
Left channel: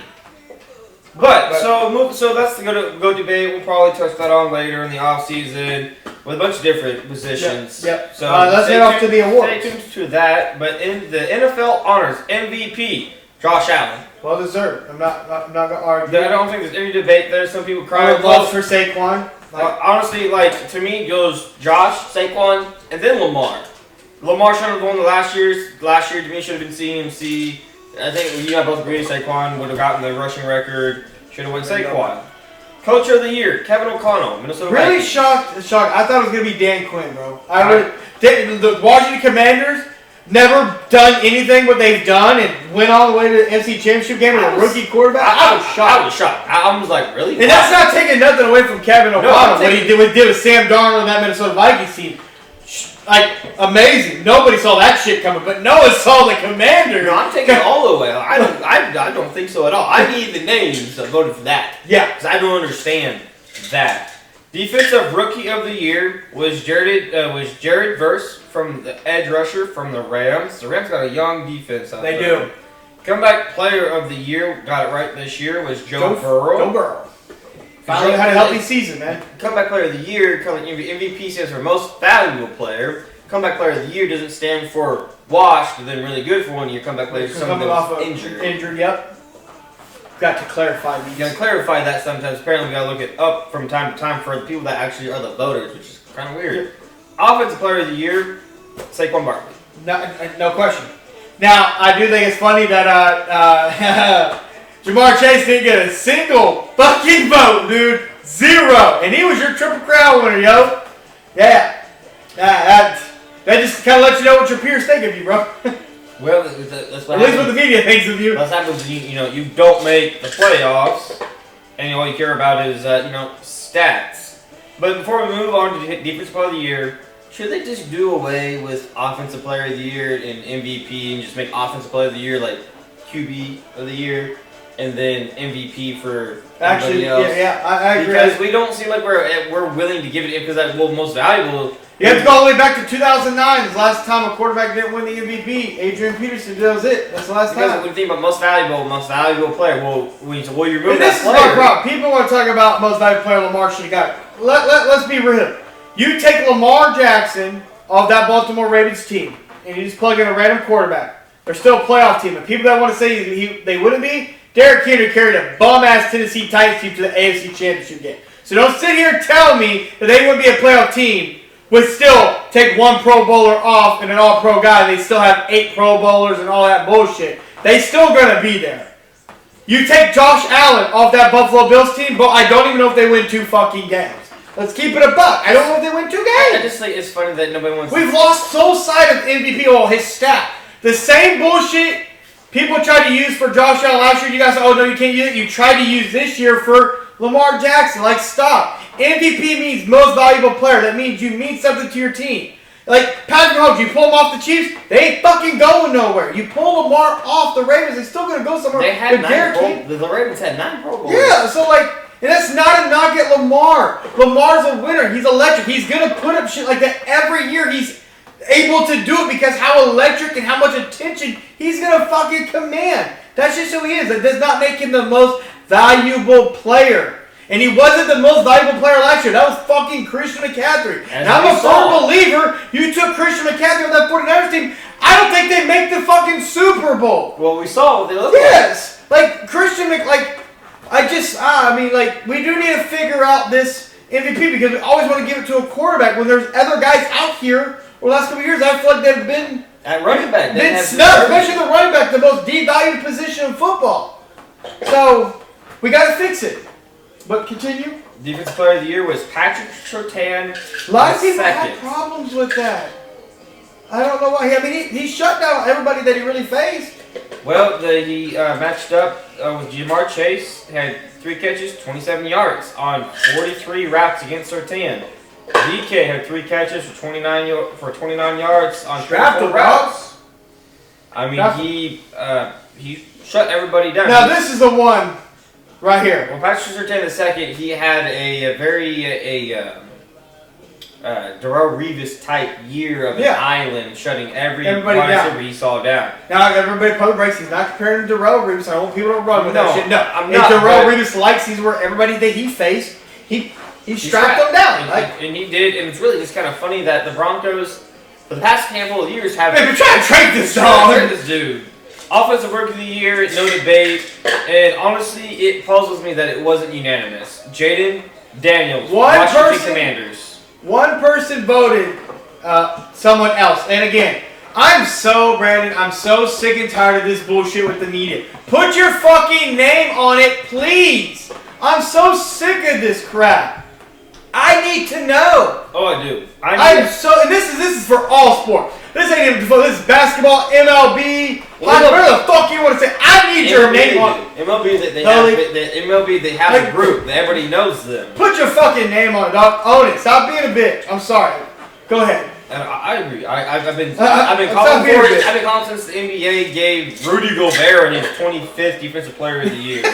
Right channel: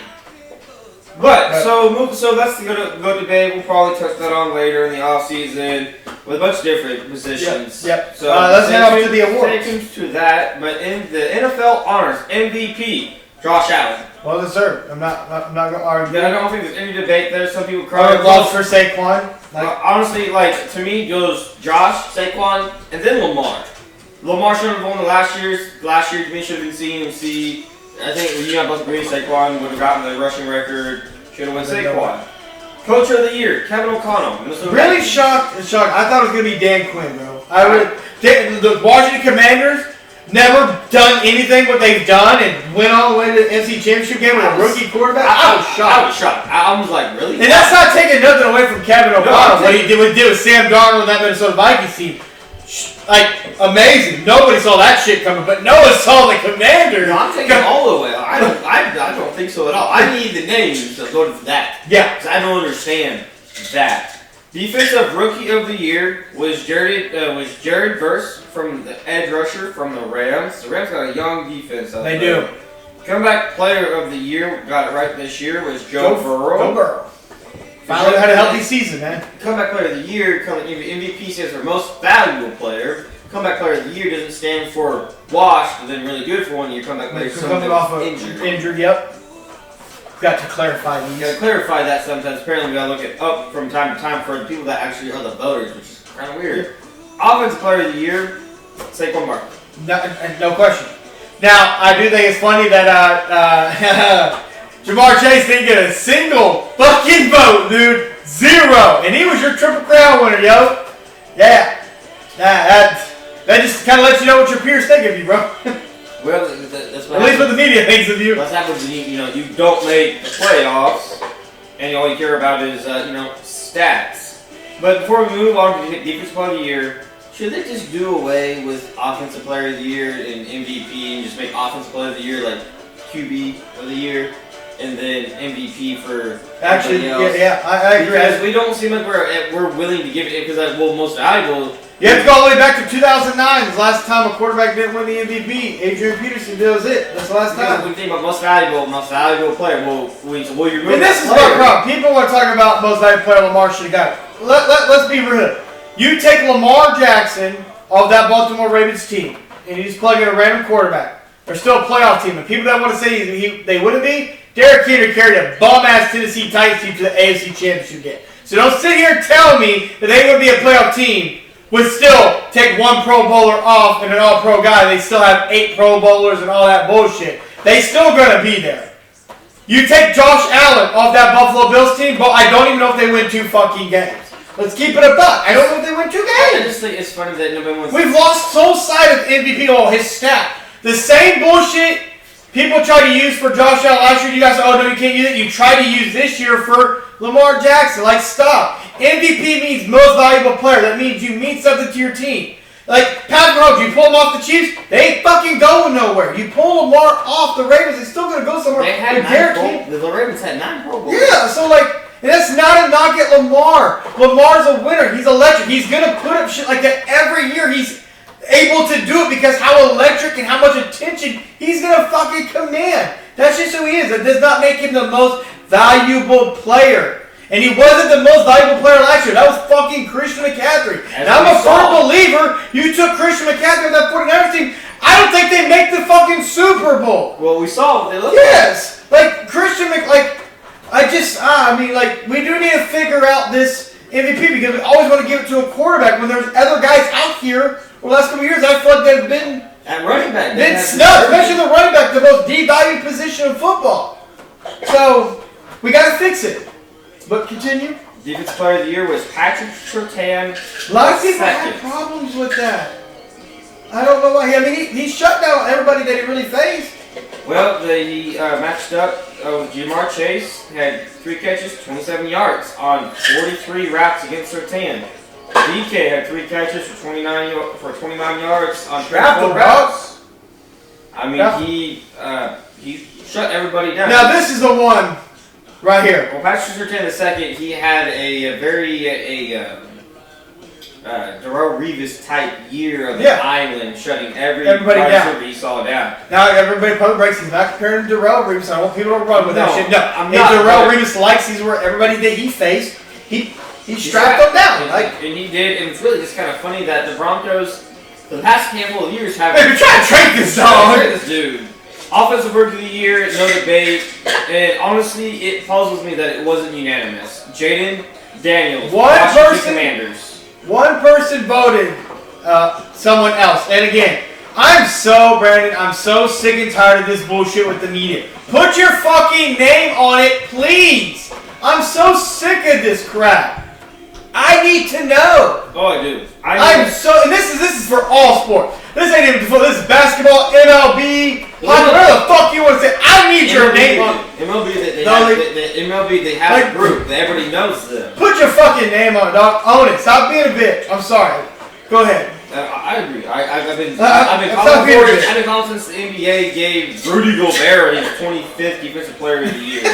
But so that's the GOAT debate. We'll probably touch that on later in the off season with a bunch of different positions. Yep. So let's get off to the awards. Stay tuned to that. But in the NFL honors, MVP Josh Allen. Well deserved. I'm not gonna argue. I don't think there's any debate there. Some people cry. Gloves for Saquon. Honestly, to me, it goes Josh, Saquon, and then Lamar. Lamar should have won the last year to me should have been CMC. I think you both agree Saquon would have gotten the rushing record. Should have won Saquon. Coach of the year, Kevin O'Connell. Minnesota really Vikings. shocked. I thought it was going to be Dan Quinn, bro. The Washington Commanders never done anything what they've done and went all the way to the NFC Championship game with a rookie quarterback. I was shocked. I was like, really? And that's not taking nothing away from Kevin O'Connell. What he did with Sam Darnold and that Minnesota Vikings team. Like, amazing. Nobody saw that shit coming, but no one saw the Commanders. No, I'm taking it all the way. I don't think so at all. I need the names that voted for that. Yeah. Because I don't understand that. Defensive Rookie of the Year was Jared Verse from the edge rusher from the Rams. The Rams got a young defense out there. They do. Comeback Player of the Year, got it right this year, was Joe Burrow. Joe Burrow. Finally had a healthy season, man. Comeback Player of the Year, MVP stands for Most Valuable Player. Comeback Player of the Year doesn't stand for washed, but then really good for 1 year. Comeback Player is someone that's injured. Injured, yep. Got to clarify these. You gotta clarify that sometimes. Apparently, we gotta look it up from time to time for the people that actually are the voters, which is kind of weird. Offensive Player of the Year, Saquon Barkley. No question. Now, I do think it's funny that Jamar Chase didn't get a single fucking vote, dude. 0. And he was your Triple Crown winner, yo. Yeah. That just kind of lets you know what your peers think of you, bro. Well, that's what at least what the media thinks of you. That's happens when you don't make the playoffs, and all you care about is stats. But before we move on to Defensive Player of the Year, should they just do away with Offensive Player of the Year and MVP and just make Offensive Player of the Year like QB of the Year, and then MVP for actually else? Yeah, I agree. Because we don't seem like we're willing to give it because that's most valuable. You have to go all the way back to 2009. The last time a quarterback didn't win the MVP. Adrian Peterson does it. That's the last time. We think about most valuable player. Well, you remove and that this is player. my problem. People want to talk about most valuable player Lamar should have got. Let's be real. You take Lamar Jackson off that Baltimore Ravens team, and you just plug in a random quarterback. They're still a playoff team. And people that want to say they wouldn't be, Derek Henry carried a bum-ass Tennessee Titans team to the AFC Championship game. So don't sit here and tell me that they wouldn't be a playoff team. Would still take 1 Pro Bowler off and an All-Pro guy. They still have 8 Pro Bowlers and all that bullshit. They still gonna be there. You take Josh Allen off that Buffalo Bills team, but I don't even know if they win 2 fucking games. Let's keep it a buck. I don't know if they win 2 games. I just think it's funny that nobody wants. We've lost so sight of MVP. Oh, his stat. The same bullshit people tried to use for Josh Allen last year. You guys said, oh no, you can't use it. You tried to use this year for Lamar Jackson. Like, stop. MVP means most valuable player. That means you mean something to your team. Like, Patrick Mahomes, you pull him off the Chiefs, they ain't fucking going nowhere. You pull Lamar off the Ravens, they're still going to go somewhere. They had 9 the Ravens had 9 Pro Bowls. Yeah, so like, and that's not a knock at Lamar. Lamar's a winner. He's electric. He's going to put up shit like that every year. He's able to do it because how electric and how much attention he's going to fucking command. That's just who he is. That does not make him the most valuable player. And he wasn't the most valuable player last year. That was fucking Christian McCaffrey. And I'm a firm believer you took Christian McCaffrey with that 49ers team. I don't think they make the fucking Super Bowl. Well, we saw what they looked Yes. Like, Christian we do need to figure out this MVP because we always want to give it to a quarterback when there's other guys out here. Over the last couple of years, I feel like they've been at running back. Been snubbed, especially the running back, the most devalued position in football. So, we got to fix it. But continue. Defensive Player of the Year was Patrick Surtain. A lot of people had problems with that. I don't know why. I mean, he shut down everybody that he really faced. Well, he matched up with Jamar Chase. Had 3 catches, 27 yards on 43 wraps against Surtain. DK had 3 catches for 29 yards on 34 routes. I mean, he shut everybody down. Now this is the one right here. Well, Patrick Surtain the second, he had a very Darrelle Revis type year of the island, shutting everybody down. He saw down. Now everybody probably breaks. He's not comparing to Darrelle Revis. I want people to run with that shit. No, I'm not. Darrelle Revis likes these where everybody that he faced, he strapped them down. And he did, and it's really just kind of funny that the Broncos, for the past handful of years, have been trying to trade this dog. This dude. Offensive Rookie of the Year, no debate, and honestly, it puzzles me that it wasn't unanimous. Jaden Daniels, Washington Commanders. One person voted someone else. And again, Brandon, I'm so sick and tired of this bullshit with the media. Put your fucking name on it, please. I'm so sick of this crap. I need to know. Oh, I do. And this is for all sports. This ain't even for this is basketball, MLB, whatever the fuck you want to say. I need your name on it. MLB, they have a group that everybody knows them. Put your fucking name on it, dog. Own it. Stop being a bitch. I'm sorry. Go ahead. I agree. I've been calling since the NBA gave Rudy Gobert his 25th Defensive Player of the Year.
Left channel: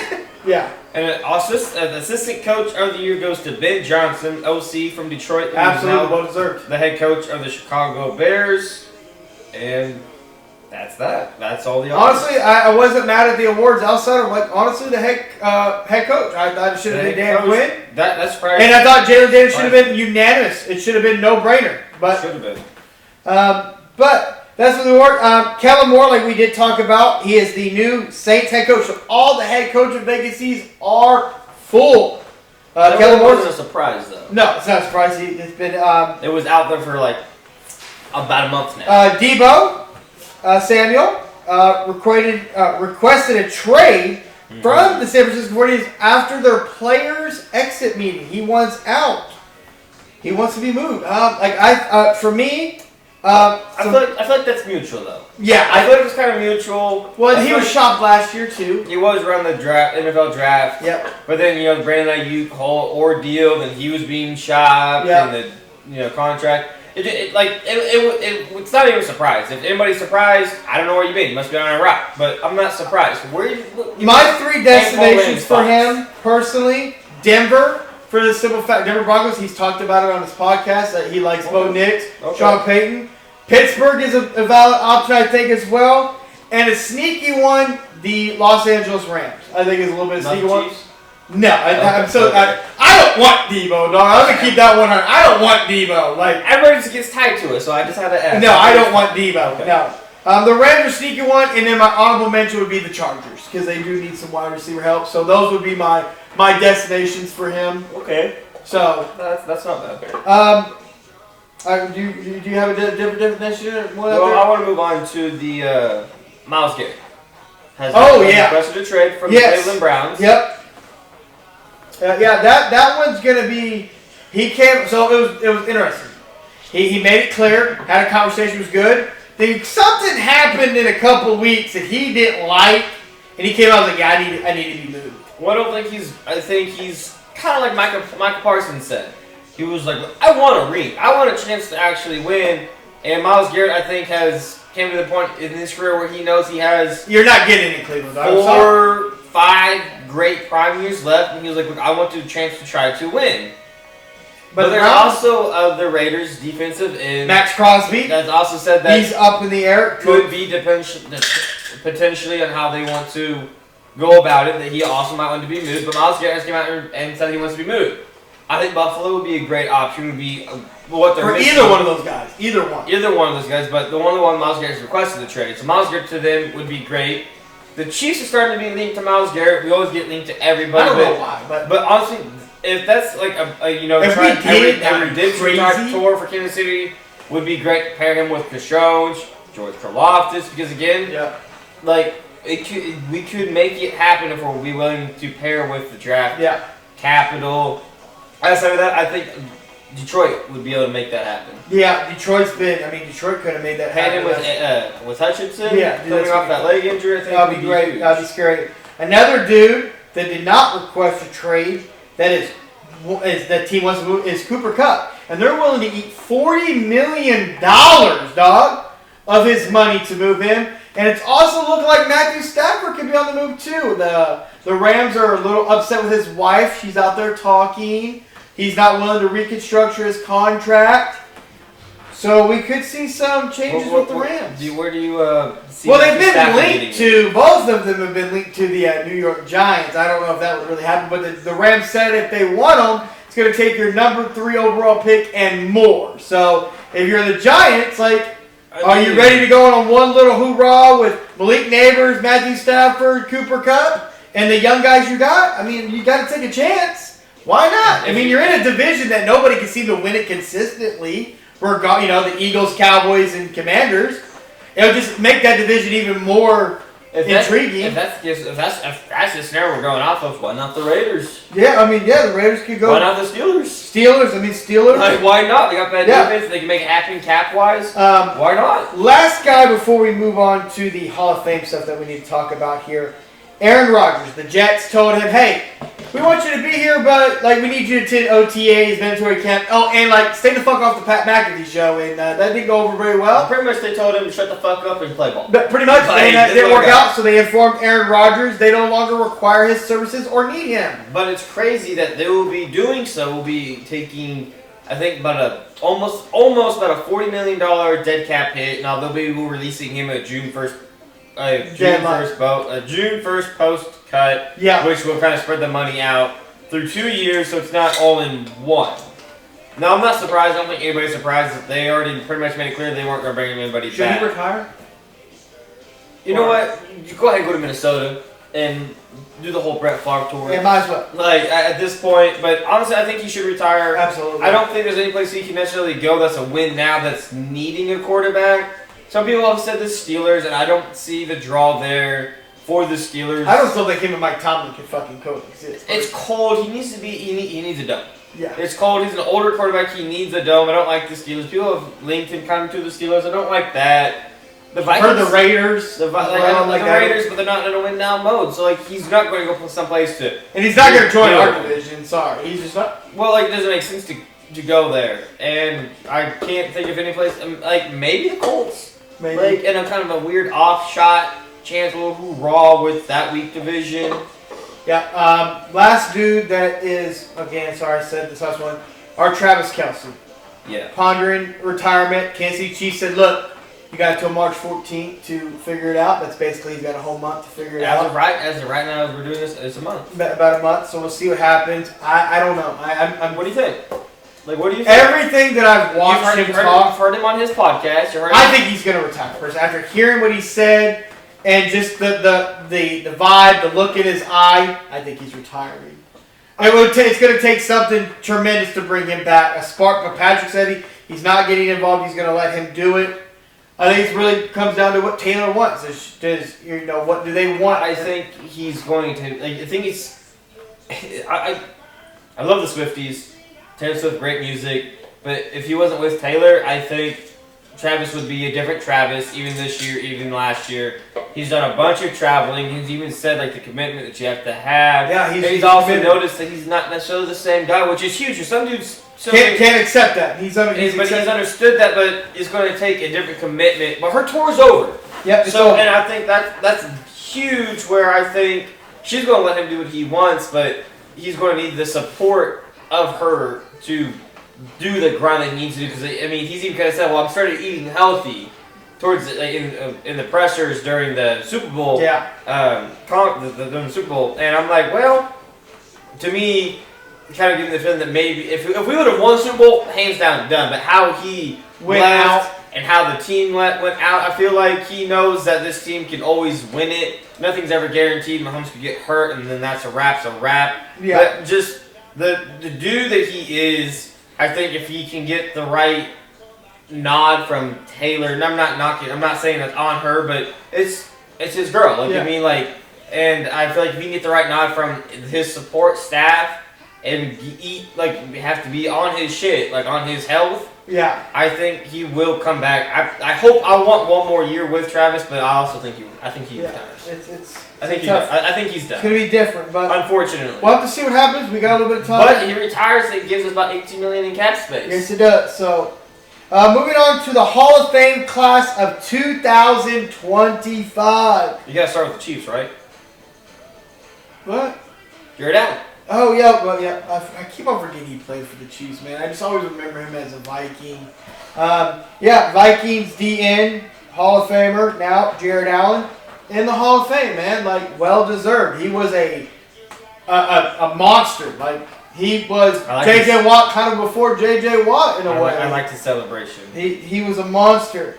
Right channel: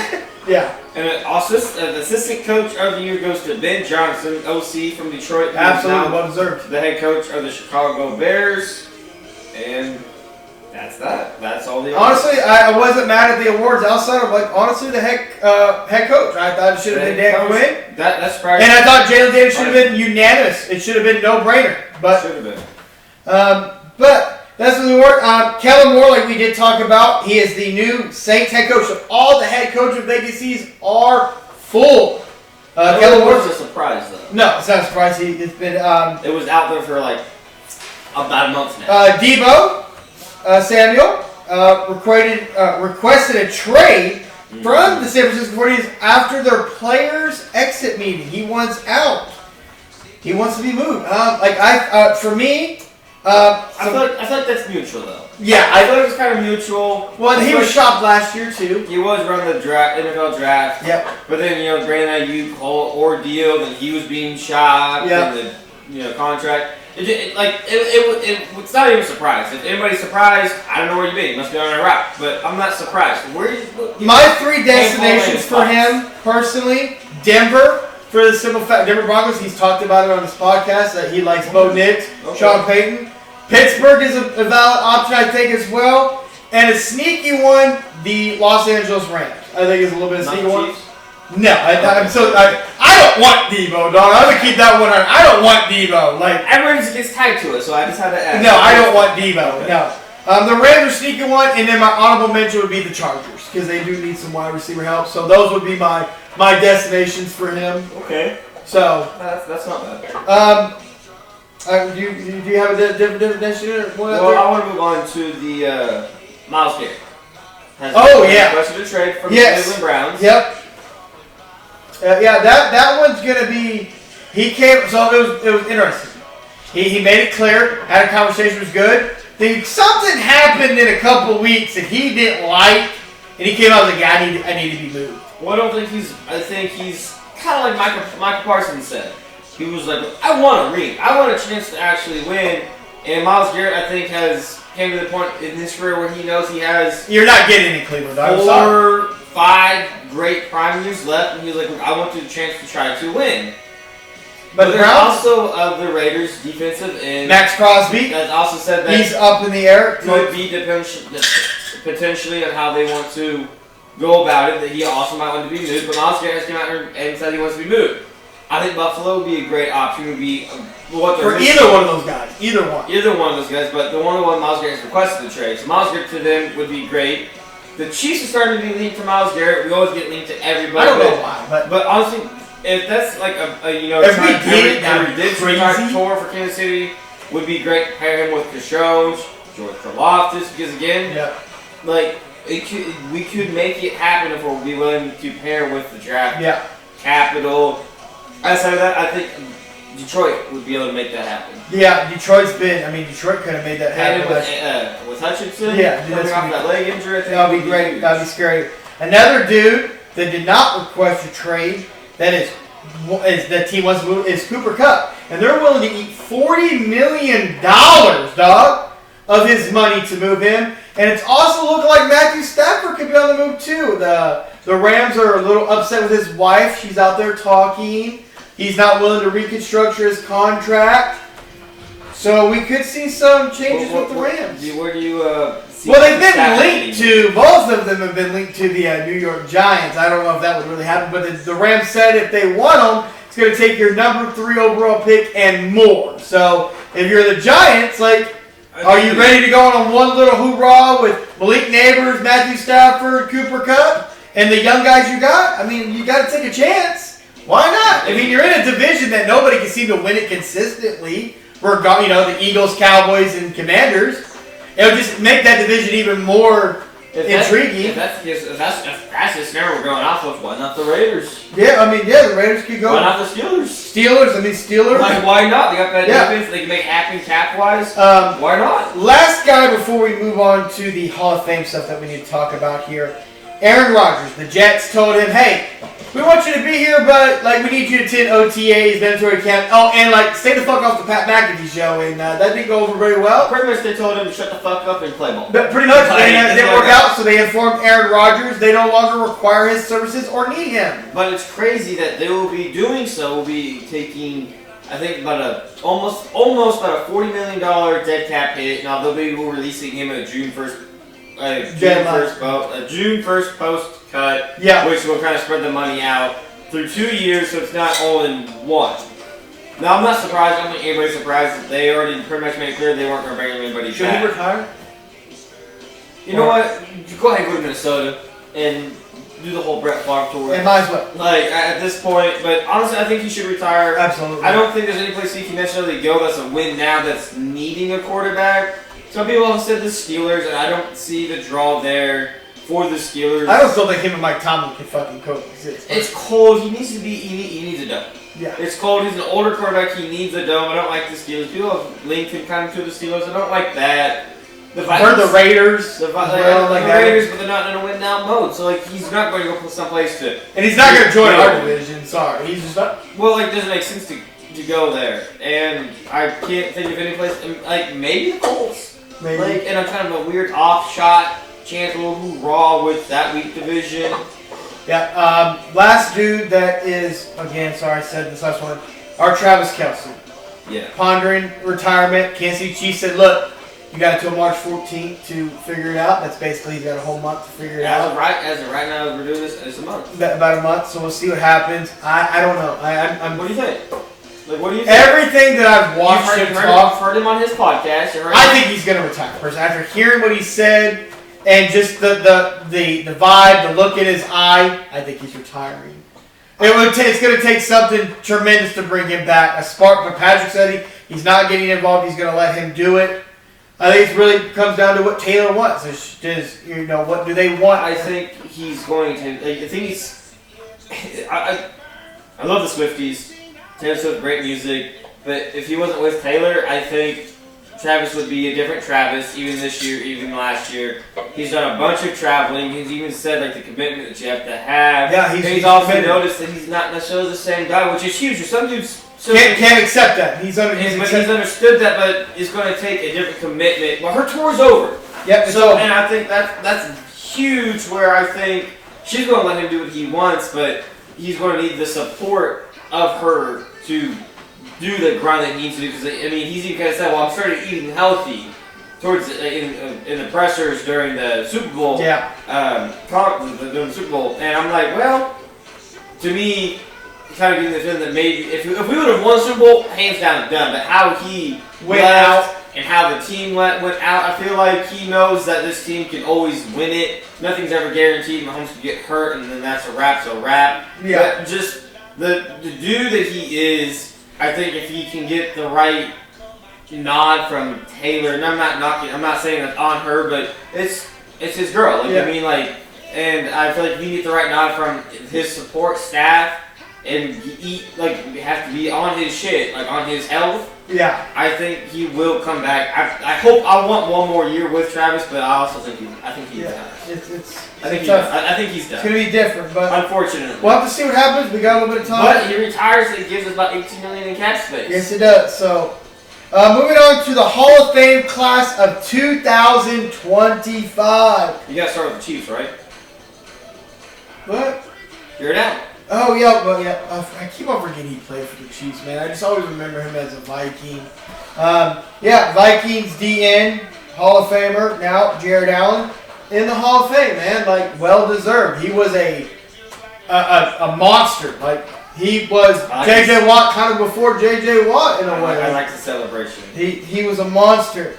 Yeah. And the assistant coach of the year goes to Ben Johnson, OC from Detroit. Absolutely well deserved. The head coach of the Chicago Bears. And that's that. That's all the honestly, I wasn't mad at the awards outside of, honestly, the head coach. I thought it should have been Dan Quinn. That's probably. And I thought Jalen Daniels should have been unanimous. It should have been no-brainer. But should have been. But that's the award. Kellen Moore, like we did talk about, he is the new Saints head coach. So all the head coach vacancies are full. Kellen Moore was a surprise, though. No, it's not a surprise. It's been. It was out there for about a month now. Deebo Samuel requested a trade from the San Francisco 49ers after their players' exit meeting. He wants out. He wants to be moved. For me, I feel like that's mutual, though. Yeah, I thought it was kind of mutual. Well, he was shopped last year too. He was around the NFL draft. Yep. But then Brandon Ayuk whole ordeal. Then he was being shopped. Yep. And the contract. It's not even a surprise. If anybody's surprised, I don't know where you've been. You must be on a rock. But I'm not surprised. My 3 destinations for him personally: Denver, for the simple fact, Denver Broncos. He's talked about it on his podcast that he likes Bo Nix, Sean Payton. Pittsburgh is a valid option, I think, as well. And a sneaky one, the Los Angeles Rams. I think it's a little bit of a sneaky one. No, I don't want Deebo, dog. I'm gonna keep that one on. I don't want Deebo. Everybody gets tied to it, so I just had to ask. No, I don't want Deebo. Okay. No. The Rams are sneaky one, and then my honorable mention would be the Chargers because they do need some wide receiver help. So those would be my destinations for him. Okay. So that's not bad. Do you have a different destination? Well, I want to move on to the Myles Garrett. Requested a trade from the Cleveland Browns. Yep. That one's gonna be. He came. So it was interesting. He made it clear. Had a conversation. Was good. Then something happened in a couple weeks that he didn't like, and he came out like, I need to be moved. Well, I think he's kind of like Michael Parsons said. He was like, I want a ring. I want a chance to actually win. And Myles Garrett, I think, came to the point in his career where he knows he has. You're not getting in Cleveland. 4, 5 great prime years left, and he was like, I want the chance to try to win. But there's also the Raiders' defensive end. Max Crosby. That's also said that he's up in the air. Could be potentially on how they want to go about it. That he also might want to be moved. But Myles Garrett came out and said he wants to be moved. I think Buffalo would be a great option. Would be what they're missing. Either one of those guys. Either one of those guys. But the one Myles Garrett has requested the trade. So Myles Garrett to them would be great. The Chiefs are starting to be linked to Myles Garrett. We always get linked to everybody. I don't know why, but honestly, if that's like every did tour for Kansas City, would be great to pair him with Kashone, George Karlaftis, because again, we could make it happen if we're willing to pair with the draft capital. Outside of that, I think Detroit would be able to make that happen. Yeah, Detroit could have made that happen. With Hutchinson, coming off that leg injury, I think that would be great. That would be scary. Another dude that did not request a trade that team wants to move is Cooper Kupp, and they're willing to eat $40 million, dog, of his money to move him. And it's also looking like Matthew Stafford could be on the move too. The Rams are a little upset with his wife. She's out there talking. He's not willing to reconstruct his contract. So we could see some changes with the Rams. Where do you see? Well, they've been linked to, both of them have been linked to the New York Giants. I don't know if that would really happen, but the Rams said if they want them, it's going to take your number 3 overall pick and more. So if you're the Giants, are you ready to go on one little hoorah with Malik Neighbors, Matthew Stafford, Cooper Kupp, and the young guys you got? I mean, you got to take a chance. Why not? I mean, you're in a division that nobody can seem to win it consistently. were the Eagles, Cowboys, and Commanders. It would just make that division even more intriguing. If that's the scenario we're going off of, why not the Raiders? Yeah, the Raiders could go. Why not the Steelers? Steelers. Like, why not? They got bad defense. They can make it happen cap-wise. Why not? Last guy before we move on to the Hall of Fame stuff that we need to talk about here. Aaron Rodgers. The Jets told him, hey, we want you to be here, but we need you to attend OTAs, mandatory camp. Oh, and stay the fuck off the Pat McAfee show, and that didn't go over very well. Pretty much, they told him to shut the fuck up and play ball. But pretty much, they didn't work out, so they informed Aaron Rodgers they no longer require his services or need him. But it's crazy that they will be doing so. Will be taking, I think, about almost about a $40 million dead cap hit. Now they'll be releasing him at June 1st. June 1st post cut, which will kind of spread the money out through 2 years, so it's not all in one. Now, I'm not surprised. I don't think anybody's surprised that they already pretty much made it clear they weren't going to bring anybody back. Should he retire? You know what? Go ahead and go to Minnesota and do the whole Brett Favre tour. Yeah, might as well. At this point, but honestly, I think he should retire. Absolutely. I don't think there's any place he can necessarily go that's a win now that's needing a quarterback. Some people have said the Steelers, and I don't see the draw there for the Steelers. I don't still think him and Mike Tomlin can fucking coexist. It's cold. He needs to be. He needs a dome. Yeah. It's cold. He's an older quarterback. He needs a dome. I don't like the Steelers. People have linked him kind of to the Steelers. I don't like that. The Raiders. The Raiders, but they're not in a win now mode. So he's not going to go someplace to. And he's not going to join our division. Sorry, he's just not. Well, it doesn't make sense to go there, and I can't think of any place. Maybe the Colts. Maybe. And a kind of a weird off-shot chance, a little hoorah with that weak division. Yeah, last dude that is, again, sorry I said this last one, our Travis Kelce. Yeah. Pondering retirement. Kansas City Chiefs said, look, you got until March 14th to figure it out. That's basically, he's got a whole month to figure it out. As of right now, as we're doing this, it's a month. About a month, so we'll see what happens. I don't know. What do you think? What do you think? Everything that I've watched him talk. You've heard him on his podcast. I think he's going to retire. First, after hearing what he said and just the vibe, the look in his eye, I think he's retiring. It's going to take something tremendous to bring him back. A spark, but Patrick said he's not getting involved. He's going to let him do it. I think it really comes down to what Taylor wants. What do they want? I think he's going to. I think he's. I love the Swifties. Taylor Swift, great music, but if he wasn't with Taylor, I think Travis would be a different Travis, even this year, even last year. He's done a bunch of traveling. He's even said the commitment that you have to have. Yeah, he's also noticed that he's not necessarily the same guy, which is huge. For some dudes can't accept that. He's understood that, but it's going to take a different commitment. But her tour is over. Yep. And I think that's huge. Where I think she's going to let him do what he wants, but he's going to need the support of her to do the grind that he needs to do, because he's even kind of said, well, I'm starting eating healthy towards in the pressers during the Super Bowl. Yeah. During the Super Bowl, and I'm like, well, to me, kind of getting the feeling that maybe if we would have won the Super Bowl, hands down done. But how he went out and how the team went out, I feel like he knows that this team can always win it. Nothing's ever guaranteed. Mahomes could get hurt, and then that's a wrap. Yeah. But just the dude that he is, I think if he can get the right nod from Taylor, and I'm not saying that's on her, but it's his girl. And I feel like if he can get the right nod from his support staff and we have to be on his shit, on his health. Yeah. I think he will come back. I want one more year with Travis, but I also think he's done. I think he's done. It's going to be different, but unfortunately. We'll have to see what happens. We got a little bit of time. But he retires, it gives us about $18 million in cap space. Yes, it does. So, moving on to the Hall of Fame class of 2025. You got to start with the Chiefs, right? What? You're down. Oh, yeah, well, yeah. I keep on forgetting he played for the Chiefs, man. I just always remember him as a Viking. Vikings DN, Hall of Famer, now Jared Allen, in the Hall of Fame, man. Well-deserved. He was a monster. He was J.J. Watt kind of before J.J. Watt in a way. I like the celebration. He was a monster.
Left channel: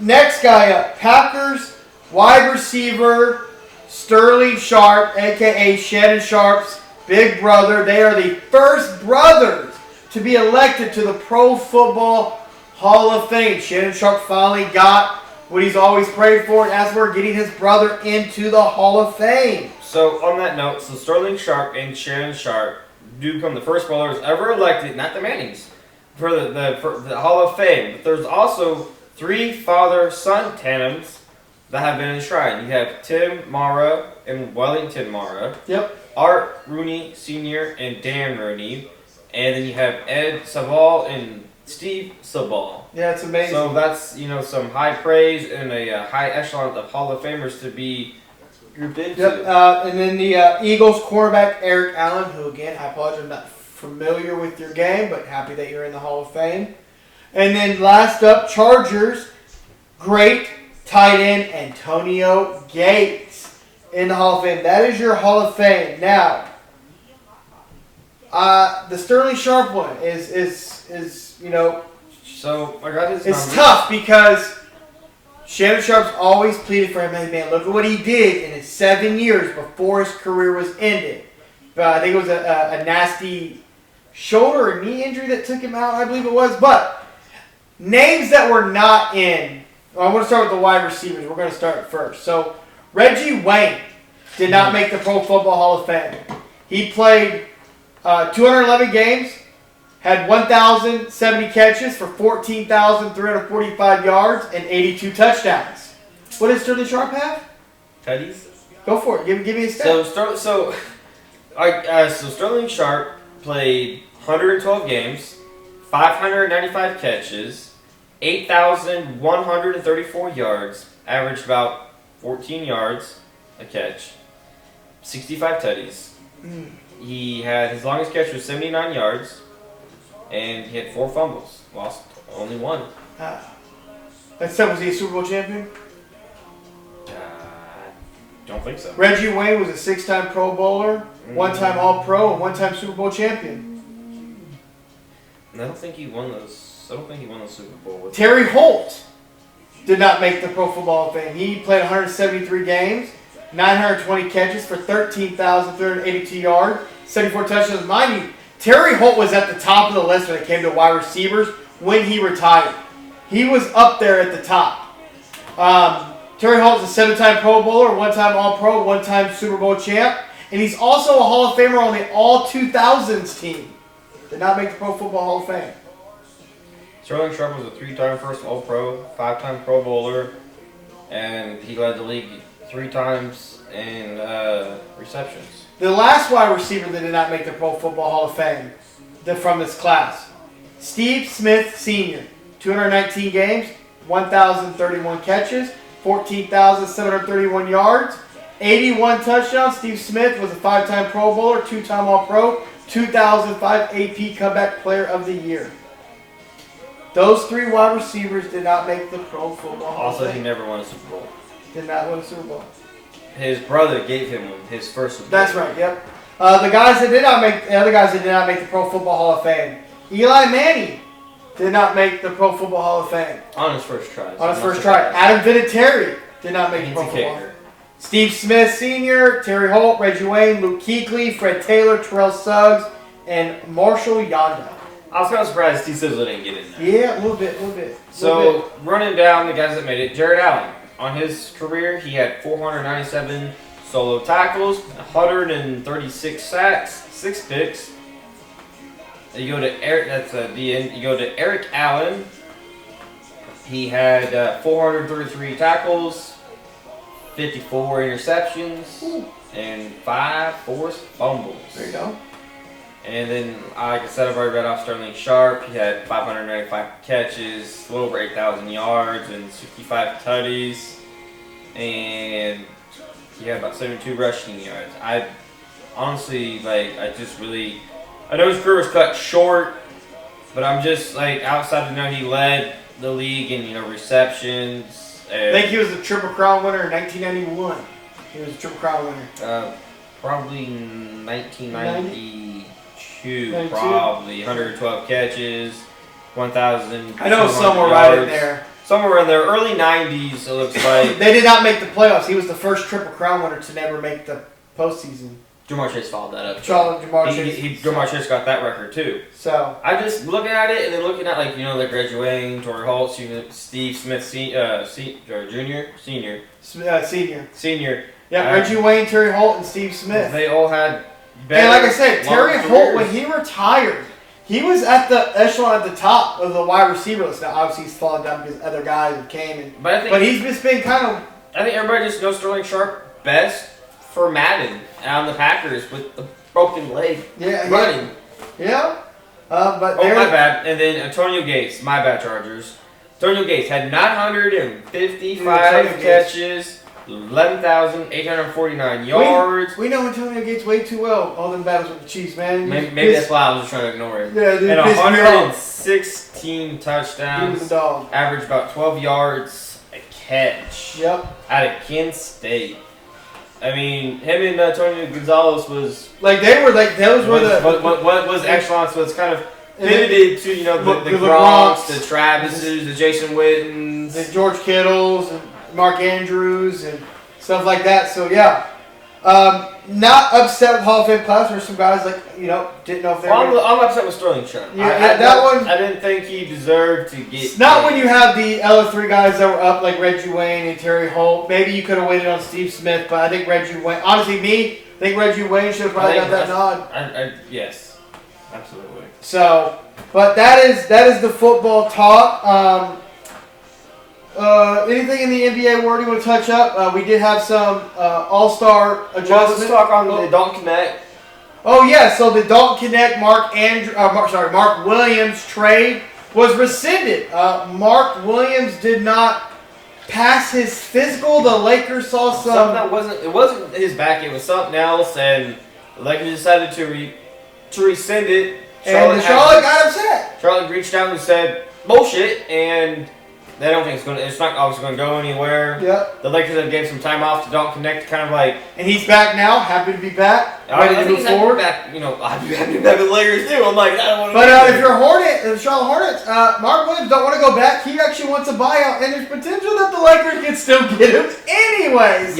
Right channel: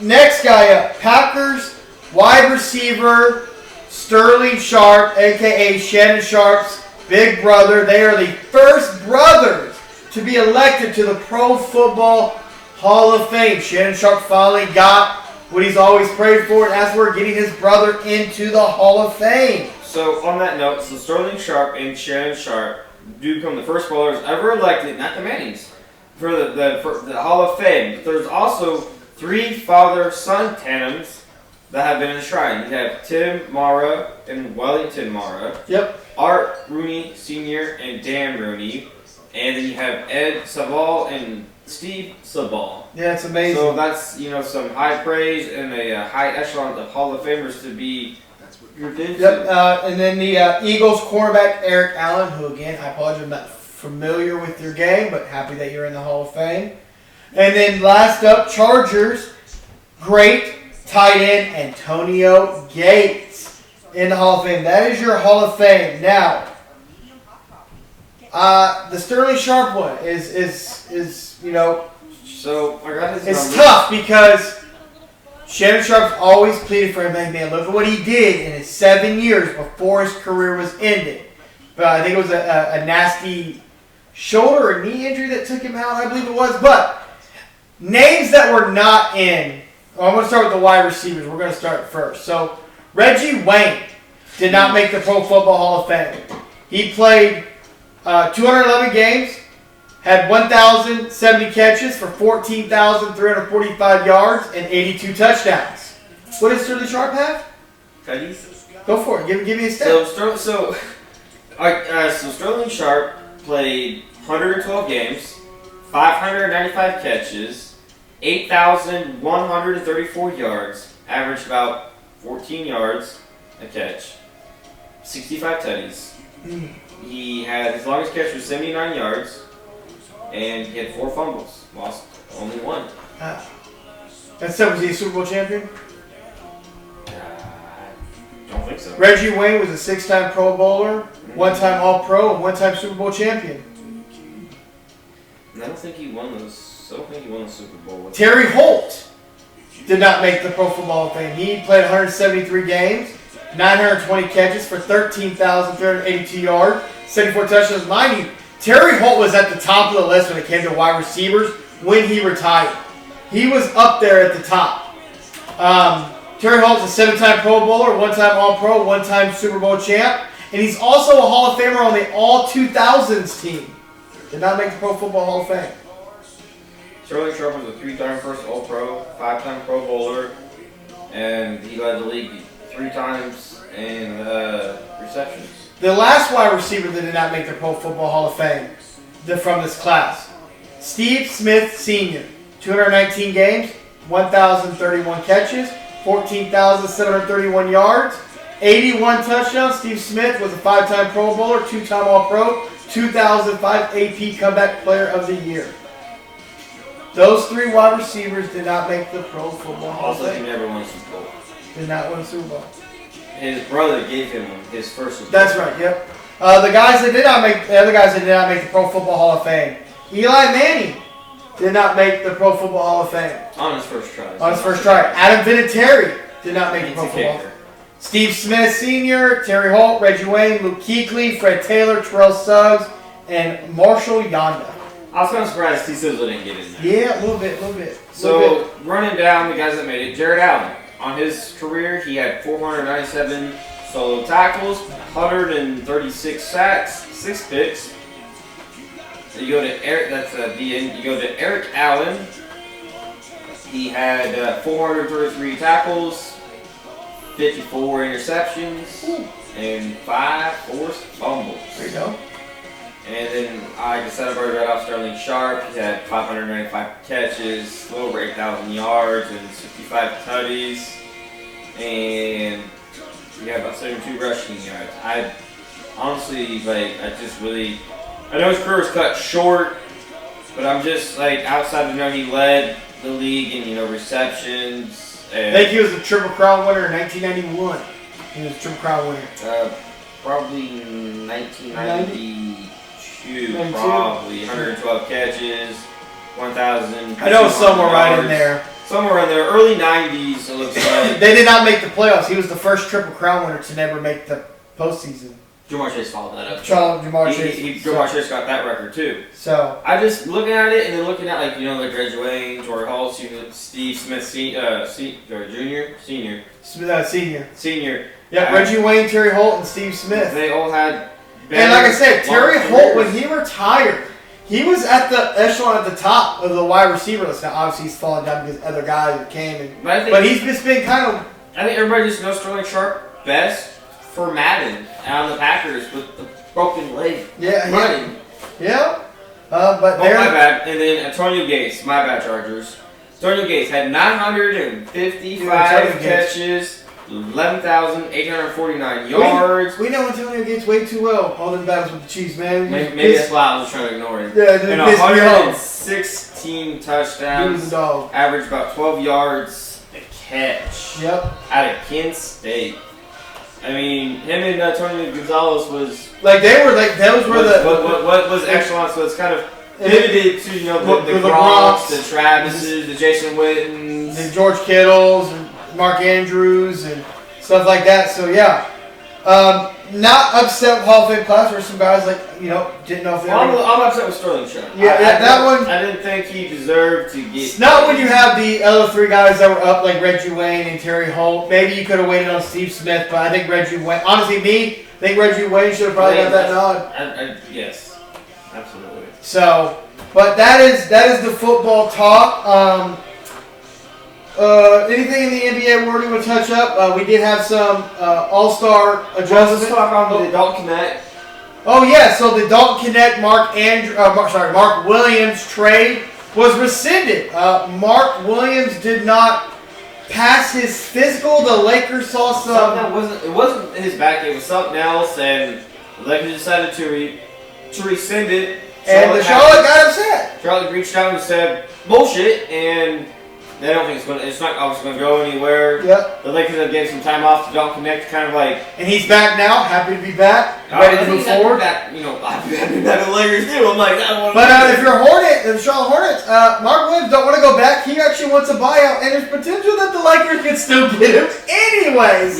Next guy up, Packers wide receiver Sterling Sharp, a.k.a. Shannon Sharp's big brother. They are the first brothers to be elected to the Pro Football Hall of Fame. Shannon Sharpe finally got what he's always prayed for, and as we're getting his brother into the Hall of Fame. So on that note, so Sterling Sharpe and Shannon Sharpe do become the first bowlers ever elected, not the Mannings, for the Hall of Fame. But there's also 3 father-son tandems that have been enshrined. You have Tim Mara and Wellington Mara. Yep. Art Rooney Sr. and Dan Rooney. And then you have Ed Savall and Steve Savall. Yeah, it's amazing. So that's, some high praise and a high echelon of Hall of Famers to be grouped into. Yep. And then the Eagles quarterback Eric Allen, who again, I apologize, I'm not familiar with your game, but happy that you're in the Hall of Fame. And then last up, Chargers, great tight end Antonio Gates in the Hall of Fame. That is your Hall of Fame. Now, the Sterling Sharpe one is So I got his it's numbers. tough because Shannon Sharpe's always pleaded for him. Hey man, look at what he did in his 7 years before his career was ended. But I think it was a nasty shoulder or knee injury that took him out, I believe it was. But names that were not in. Well, I'm going to start with the wide receivers. We're going to start first. So Reggie Wayne did not make the Pro Football Hall of Fame. He played 211 games. Had 1,070 catches for 14,345 yards and 82 touchdowns. What does Sterling Sharpe have? Teddy's. Go for it. Give me a stat. So Sterling Sharpe played 112 games, 595 catches, 8,134 yards, averaged about 14 yards a catch, 65 tutties. He had his longest catch was 79 yards. And he had 4 fumbles. Lost only 1. Was he a Super Bowl champion? Don't think so. Reggie Wayne was a 6-time Pro Bowler, 1-time All-Pro, and 1-time Super Bowl champion. I don't think he won those. I don't think he won the Super Bowl. Terry Holt did not make the Pro Football Hall of Fame. He played 173 games, 920 catches for 13,382 yards, 74 touchdowns. Mind you, Terry Holt was at the top of the list when it came to wide receivers when he retired. He was up there at the top. Terry Holt is a 7-time Pro Bowler, 1-time All-Pro, 1-time Super Bowl champ, and he's also a Hall of Famer on the All-2000s team. Did not make the Pro Football Hall of Fame. Sterling Sharpe was a 3-time first All-Pro, 5-time Pro Bowler, and he led the league 3 times in receptions. The last wide receiver that did not make the Pro Football Hall of Fame from this class, Steve Smith Sr., 219 games, 1,031 catches, 14,731 yards, 81 touchdowns. Steve Smith was a 5-time Pro Bowler, 2-time All-Pro, 2005 AP Comeback Player of the Year. Those 3 wide receivers did not make the Pro Football Hall of Also, Fame. he never won a Super Bowl. Did not win a Super Bowl. His brother gave him his first Super Bowl. That's right. Yep. The other guys that did not make the Pro Football Hall of Fame. Eli Manning did not make the Pro Football Hall of Fame. On his first try. Adam Vinatieri did not make the Pro Football Hall of Fame. Steve Smith Sr., Terry Holt, Reggie Wayne, Luke Kuechly, Fred Taylor, Terrell Suggs, and Marshall Yonda. I was kind of surprised Steve Sizzle didn't get in there. Yeah, a little bit. So, running down the guys that made it, Jared Allen. On his career, he had 497 solo tackles, 136 sacks, 6 picks. You go to Eric. That's the end. You go to Eric Allen. He had 433 tackles, 54 interceptions, and 5 forced fumbles. There you go. And then, like I said, I've already read off Sterling Sharpe. He had 595 catches, a little over 8,000 yards, and 65 tutties. And he had about 72 rushing yards. I honestly, I know his career was cut short, but I'm just, outside of knowing he led the league in, receptions. I think he was a Triple Crown winner in 1991. He was a Triple Crown winner. Probably 1992. Probably 112 catches, 1,000. I know somewhere right in there. Somewhere in there, early 90s. It looks like they did not make the playoffs. He was the first Triple Crown winner to never make the postseason. Jamar Chase followed that up. Jamar Chase. Jamar Chase got that record too. So I just looking at it and then looking at like the Reggie Wayne, Torrey Holt, Steve Smith, Senior. Yeah, Reggie Wayne, Terry Holt, and Steve Smith. They all had. And like I said, Terry Holt, when he retired, he was at the echelon at the top of the wide receiver list. Now, obviously, he's fallen down because other guys came. But he's just been kind of. I think everybody just knows Sterling Sharp best for Madden out of the Packers with the broken leg. Yeah, running. Yeah. But my bad. And then Antonio Gates, my bad, Chargers. Antonio Gates had 955 catches. 11,849 yards. We know Antonio Gates way too well. All them battles with the Chiefs, man. Maybe that's why I was just trying to ignore it. Yeah, and 116 touchdowns. Average about 12 yards a catch. Yep. Out of Kent State. I mean, him and Antonio Gonzalez was like those were what was echelon, so it's kind of pivoted to the Gronks, the Travises, the Jason Wittens, and George Kittles. Mark Andrews and stuff like that. So yeah, not upset with Hall of Fame class. There's some guys didn't know if they. I'm upset with Sterling Sharp. Yeah, that one. I didn't think he deserved to get. It's not when you have the other three guys that were up like Reggie Wayne and Terry Holt. Maybe you could have waited on Steve Smith, but I think Reggie Wayne. Honestly, I think Reggie Wayne should have probably got that nod. Yes, absolutely. So, but that is the football talk. Anything in the NBA world you want to touch up? We did have some all-star adjustments. Well, let's talk on the Dalton Connect. Oh yeah, so the Dalton Connect Mark Williams trade was rescinded. Mark Williams did not pass his physical. The Lakers saw something that wasn't his back. It was something else, and the Lakers decided to rescind it. And Charlotte got upset. Charlotte reached out and said bullshit, and they don't think it's not obviously going to go anywhere. Yep. The Lakers have gave some time off to Dalton Connect, kind of like. And he's back now, happy to be back, ready to move forward. Back, I'm happy to be back with the Lakers too. I'm like, I don't want to. But if you're the Charlotte Hornets, Mark Williams don't want to go back. He actually wants a buyout, and there's potential that the Lakers can still get him anyway.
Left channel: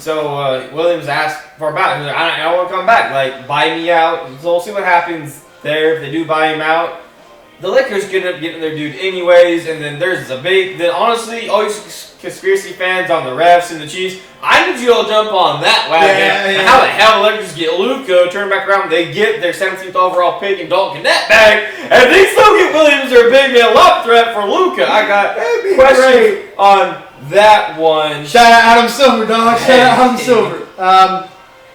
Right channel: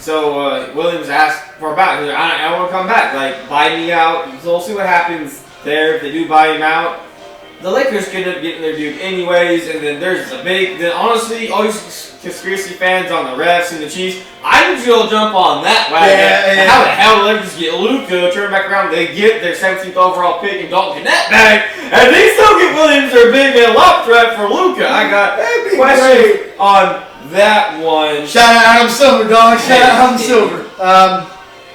So Williams asked for a buyout. He's like, I want to come back. Like, buy me out. So we'll see what happens there if they do buy him out. The Lakers could end up getting their dude anyways, and then then honestly, all you conspiracy fans on the refs and the Chiefs, I need you all jump on that wagon. Yeah. How the hell the Lakers get Luka, turn back around, they get their 17th overall pick and Dalton Connect back, and they still get Williams their big man lock threat for Luka. I got questions on that one. Shout out Adam Silver, dog. Shout out Adam Silver.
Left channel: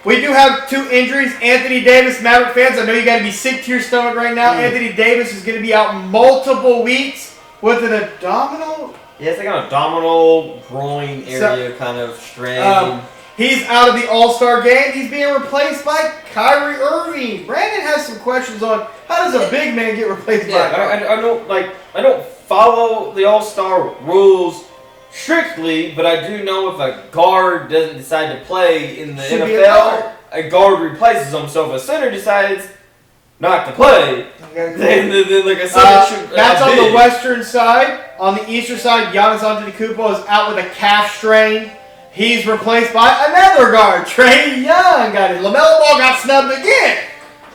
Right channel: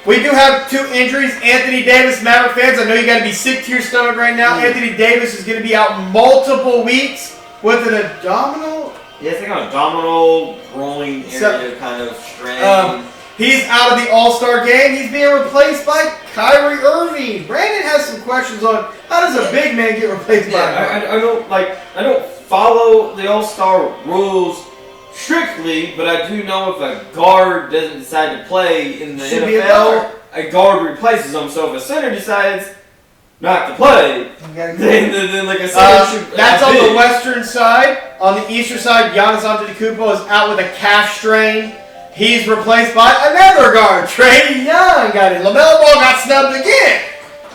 We do have two injuries. Anthony Davis, Maverick fans, I know you got to be sick to your stomach right now. Anthony Davis is going to be out multiple weeks with an abdominal. Yeah, it's like an abdominal groin area kind of strain. He's out of the All-Star game. He's being replaced by Kyrie Irving. Brandon has some questions on how does a big man get replaced by Kyrie? I don't follow the All-Star rules strictly, but I do know if a guard doesn't decide to play in the NFL, a guard replaces him. So if a center decides not to play, then like a center should. That's on the western side. On the eastern side, Giannis Antetokounmpo is out with a calf strain. He's replaced by another guard, Trae Young. Got it. LaMelo Ball got snubbed again.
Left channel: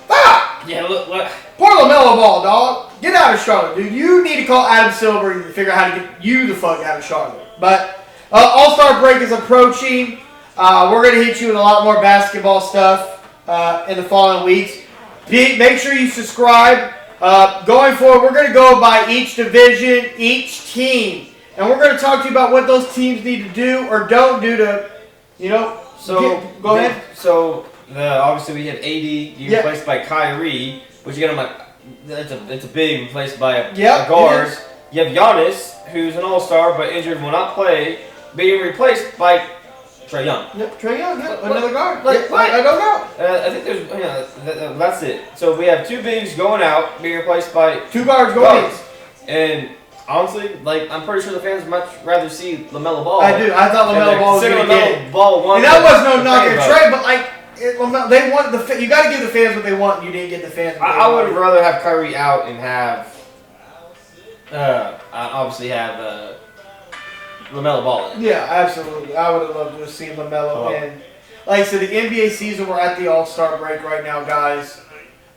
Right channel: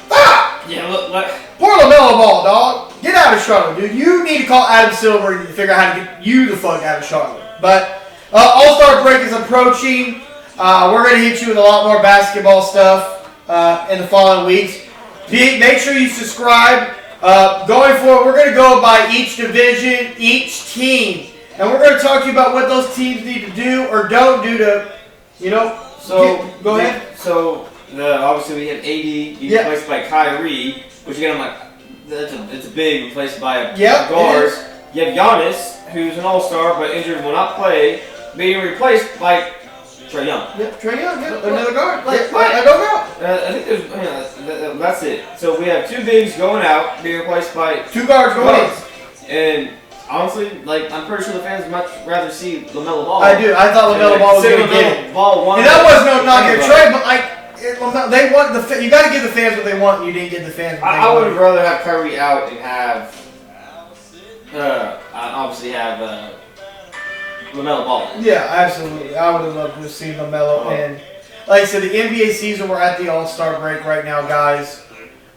Ah! Yeah, look. Poor LaMelo Ball, dog. Get out of Charlotte, dude. You need to call Adam Silver and figure out how to get you the fuck out of Charlotte. But All-Star break is approaching. We're going to hit you with a lot more basketball stuff in the following weeks. Make sure you subscribe. Going forward, we're going to go by each division, each team. And we're going to talk to you about what those teams need to do or don't do to, go ahead. So, obviously we have AD replaced by Kyrie, which again, I'm like, it's a big replaced by a guard. You have Giannis, who's an all-star but injured, will not play, being replaced by Trae Young. Trae Young, another guard. I don't know. I think there's, that's it. So we have two bigs going out, being replaced by two guards going in. And honestly, I'm pretty sure the fans much rather see LaMelo Ball. I do. I thought LaMelo Ball was going to get it. And that was no knock at Trae, but they want you got to give the fans what they want, and you didn't get the fans what they want. I would rather have Kyrie out and have. Obviously have LaMelo Ball. Yeah, absolutely. I would have loved to see LaMelo and like I said, the NBA season, we're at the All-Star break right now, guys.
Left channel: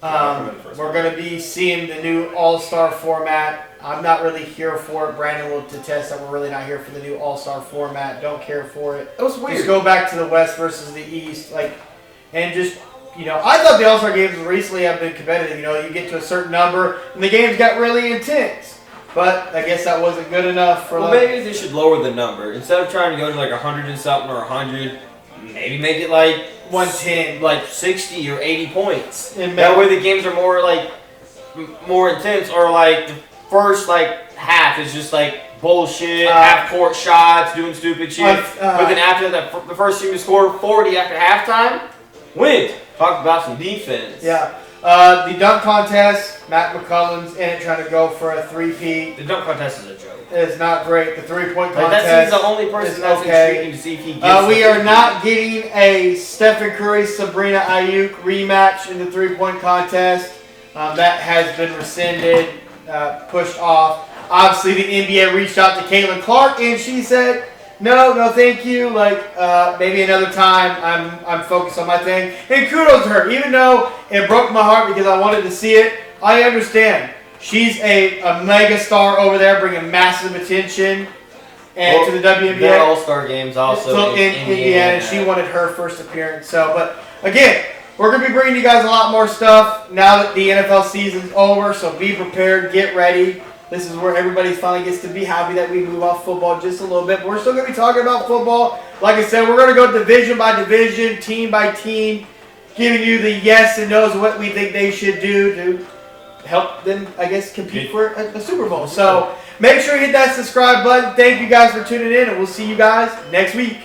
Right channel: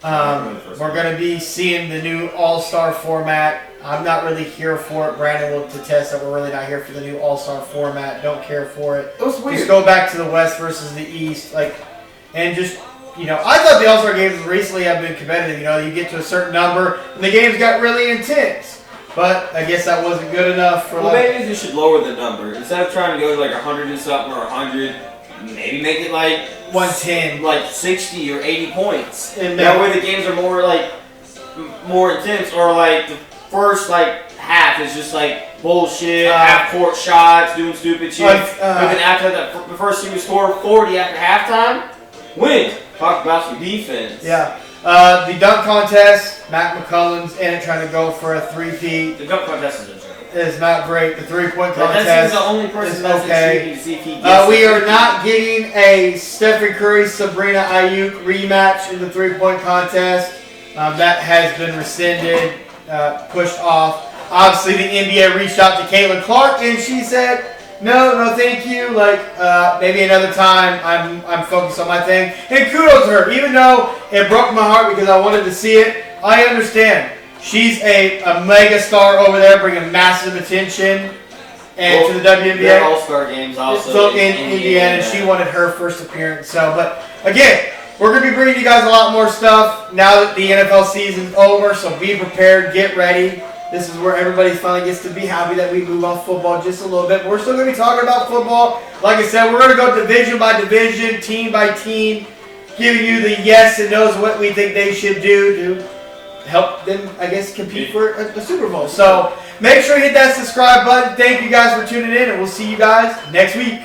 We're going to be seeing the new All-Star format. I'm not really here for it. Brandon will attest that we're really not here for the new All-Star format. Don't care for it. It was weird. Just go back to the West versus the East. And just, I thought the All-Star games recently have been competitive. You get to a certain number, and the games got really intense. But I guess that wasn't good enough for. Well, maybe they should lower the number instead of trying to go to like 100 and something or 100. Maybe make it like 110, like 60 or 80 points. And that way the games are more intense, or like the first half is just bullshit, half court shots, doing stupid shit. But then after that, the first team to score 40 after halftime, wins. Talk about some defense. Yeah. The dunk contest, Matt McCullum's in it trying to go for a three-peat. The dunk contest is a joke. It's not great. The three-point contest. That seems the only person that's intriguing to see if he gets we are not getting a Stephen Curry, Sabrina Ayuk rematch in the three-point contest. That has been rescinded, pushed off. Obviously, the NBA reached out to Caitlin Clark, and she said, no, thank you. Maybe another time. I'm focused on my thing. And kudos to her. Even though it broke my heart because I wanted to see it, I understand. She's a mega star over there, bringing massive attention to the WNBA. Their All-Star games also in Indiana. She wanted her first appearance. But again, we're going to be bringing you guys a lot more stuff now that the NFL season's over. So be prepared, get ready. This is where everybody finally gets to be happy that we move off football just a little bit. But we're still going to be talking about football. Like I said, we're going to go division by division, team by team, giving you the yes and no's, what we think they should do to help them, I guess, compete for a Super Bowl. So make sure you hit that subscribe button. Thank you guys for tuning in, and we'll see you guys next week.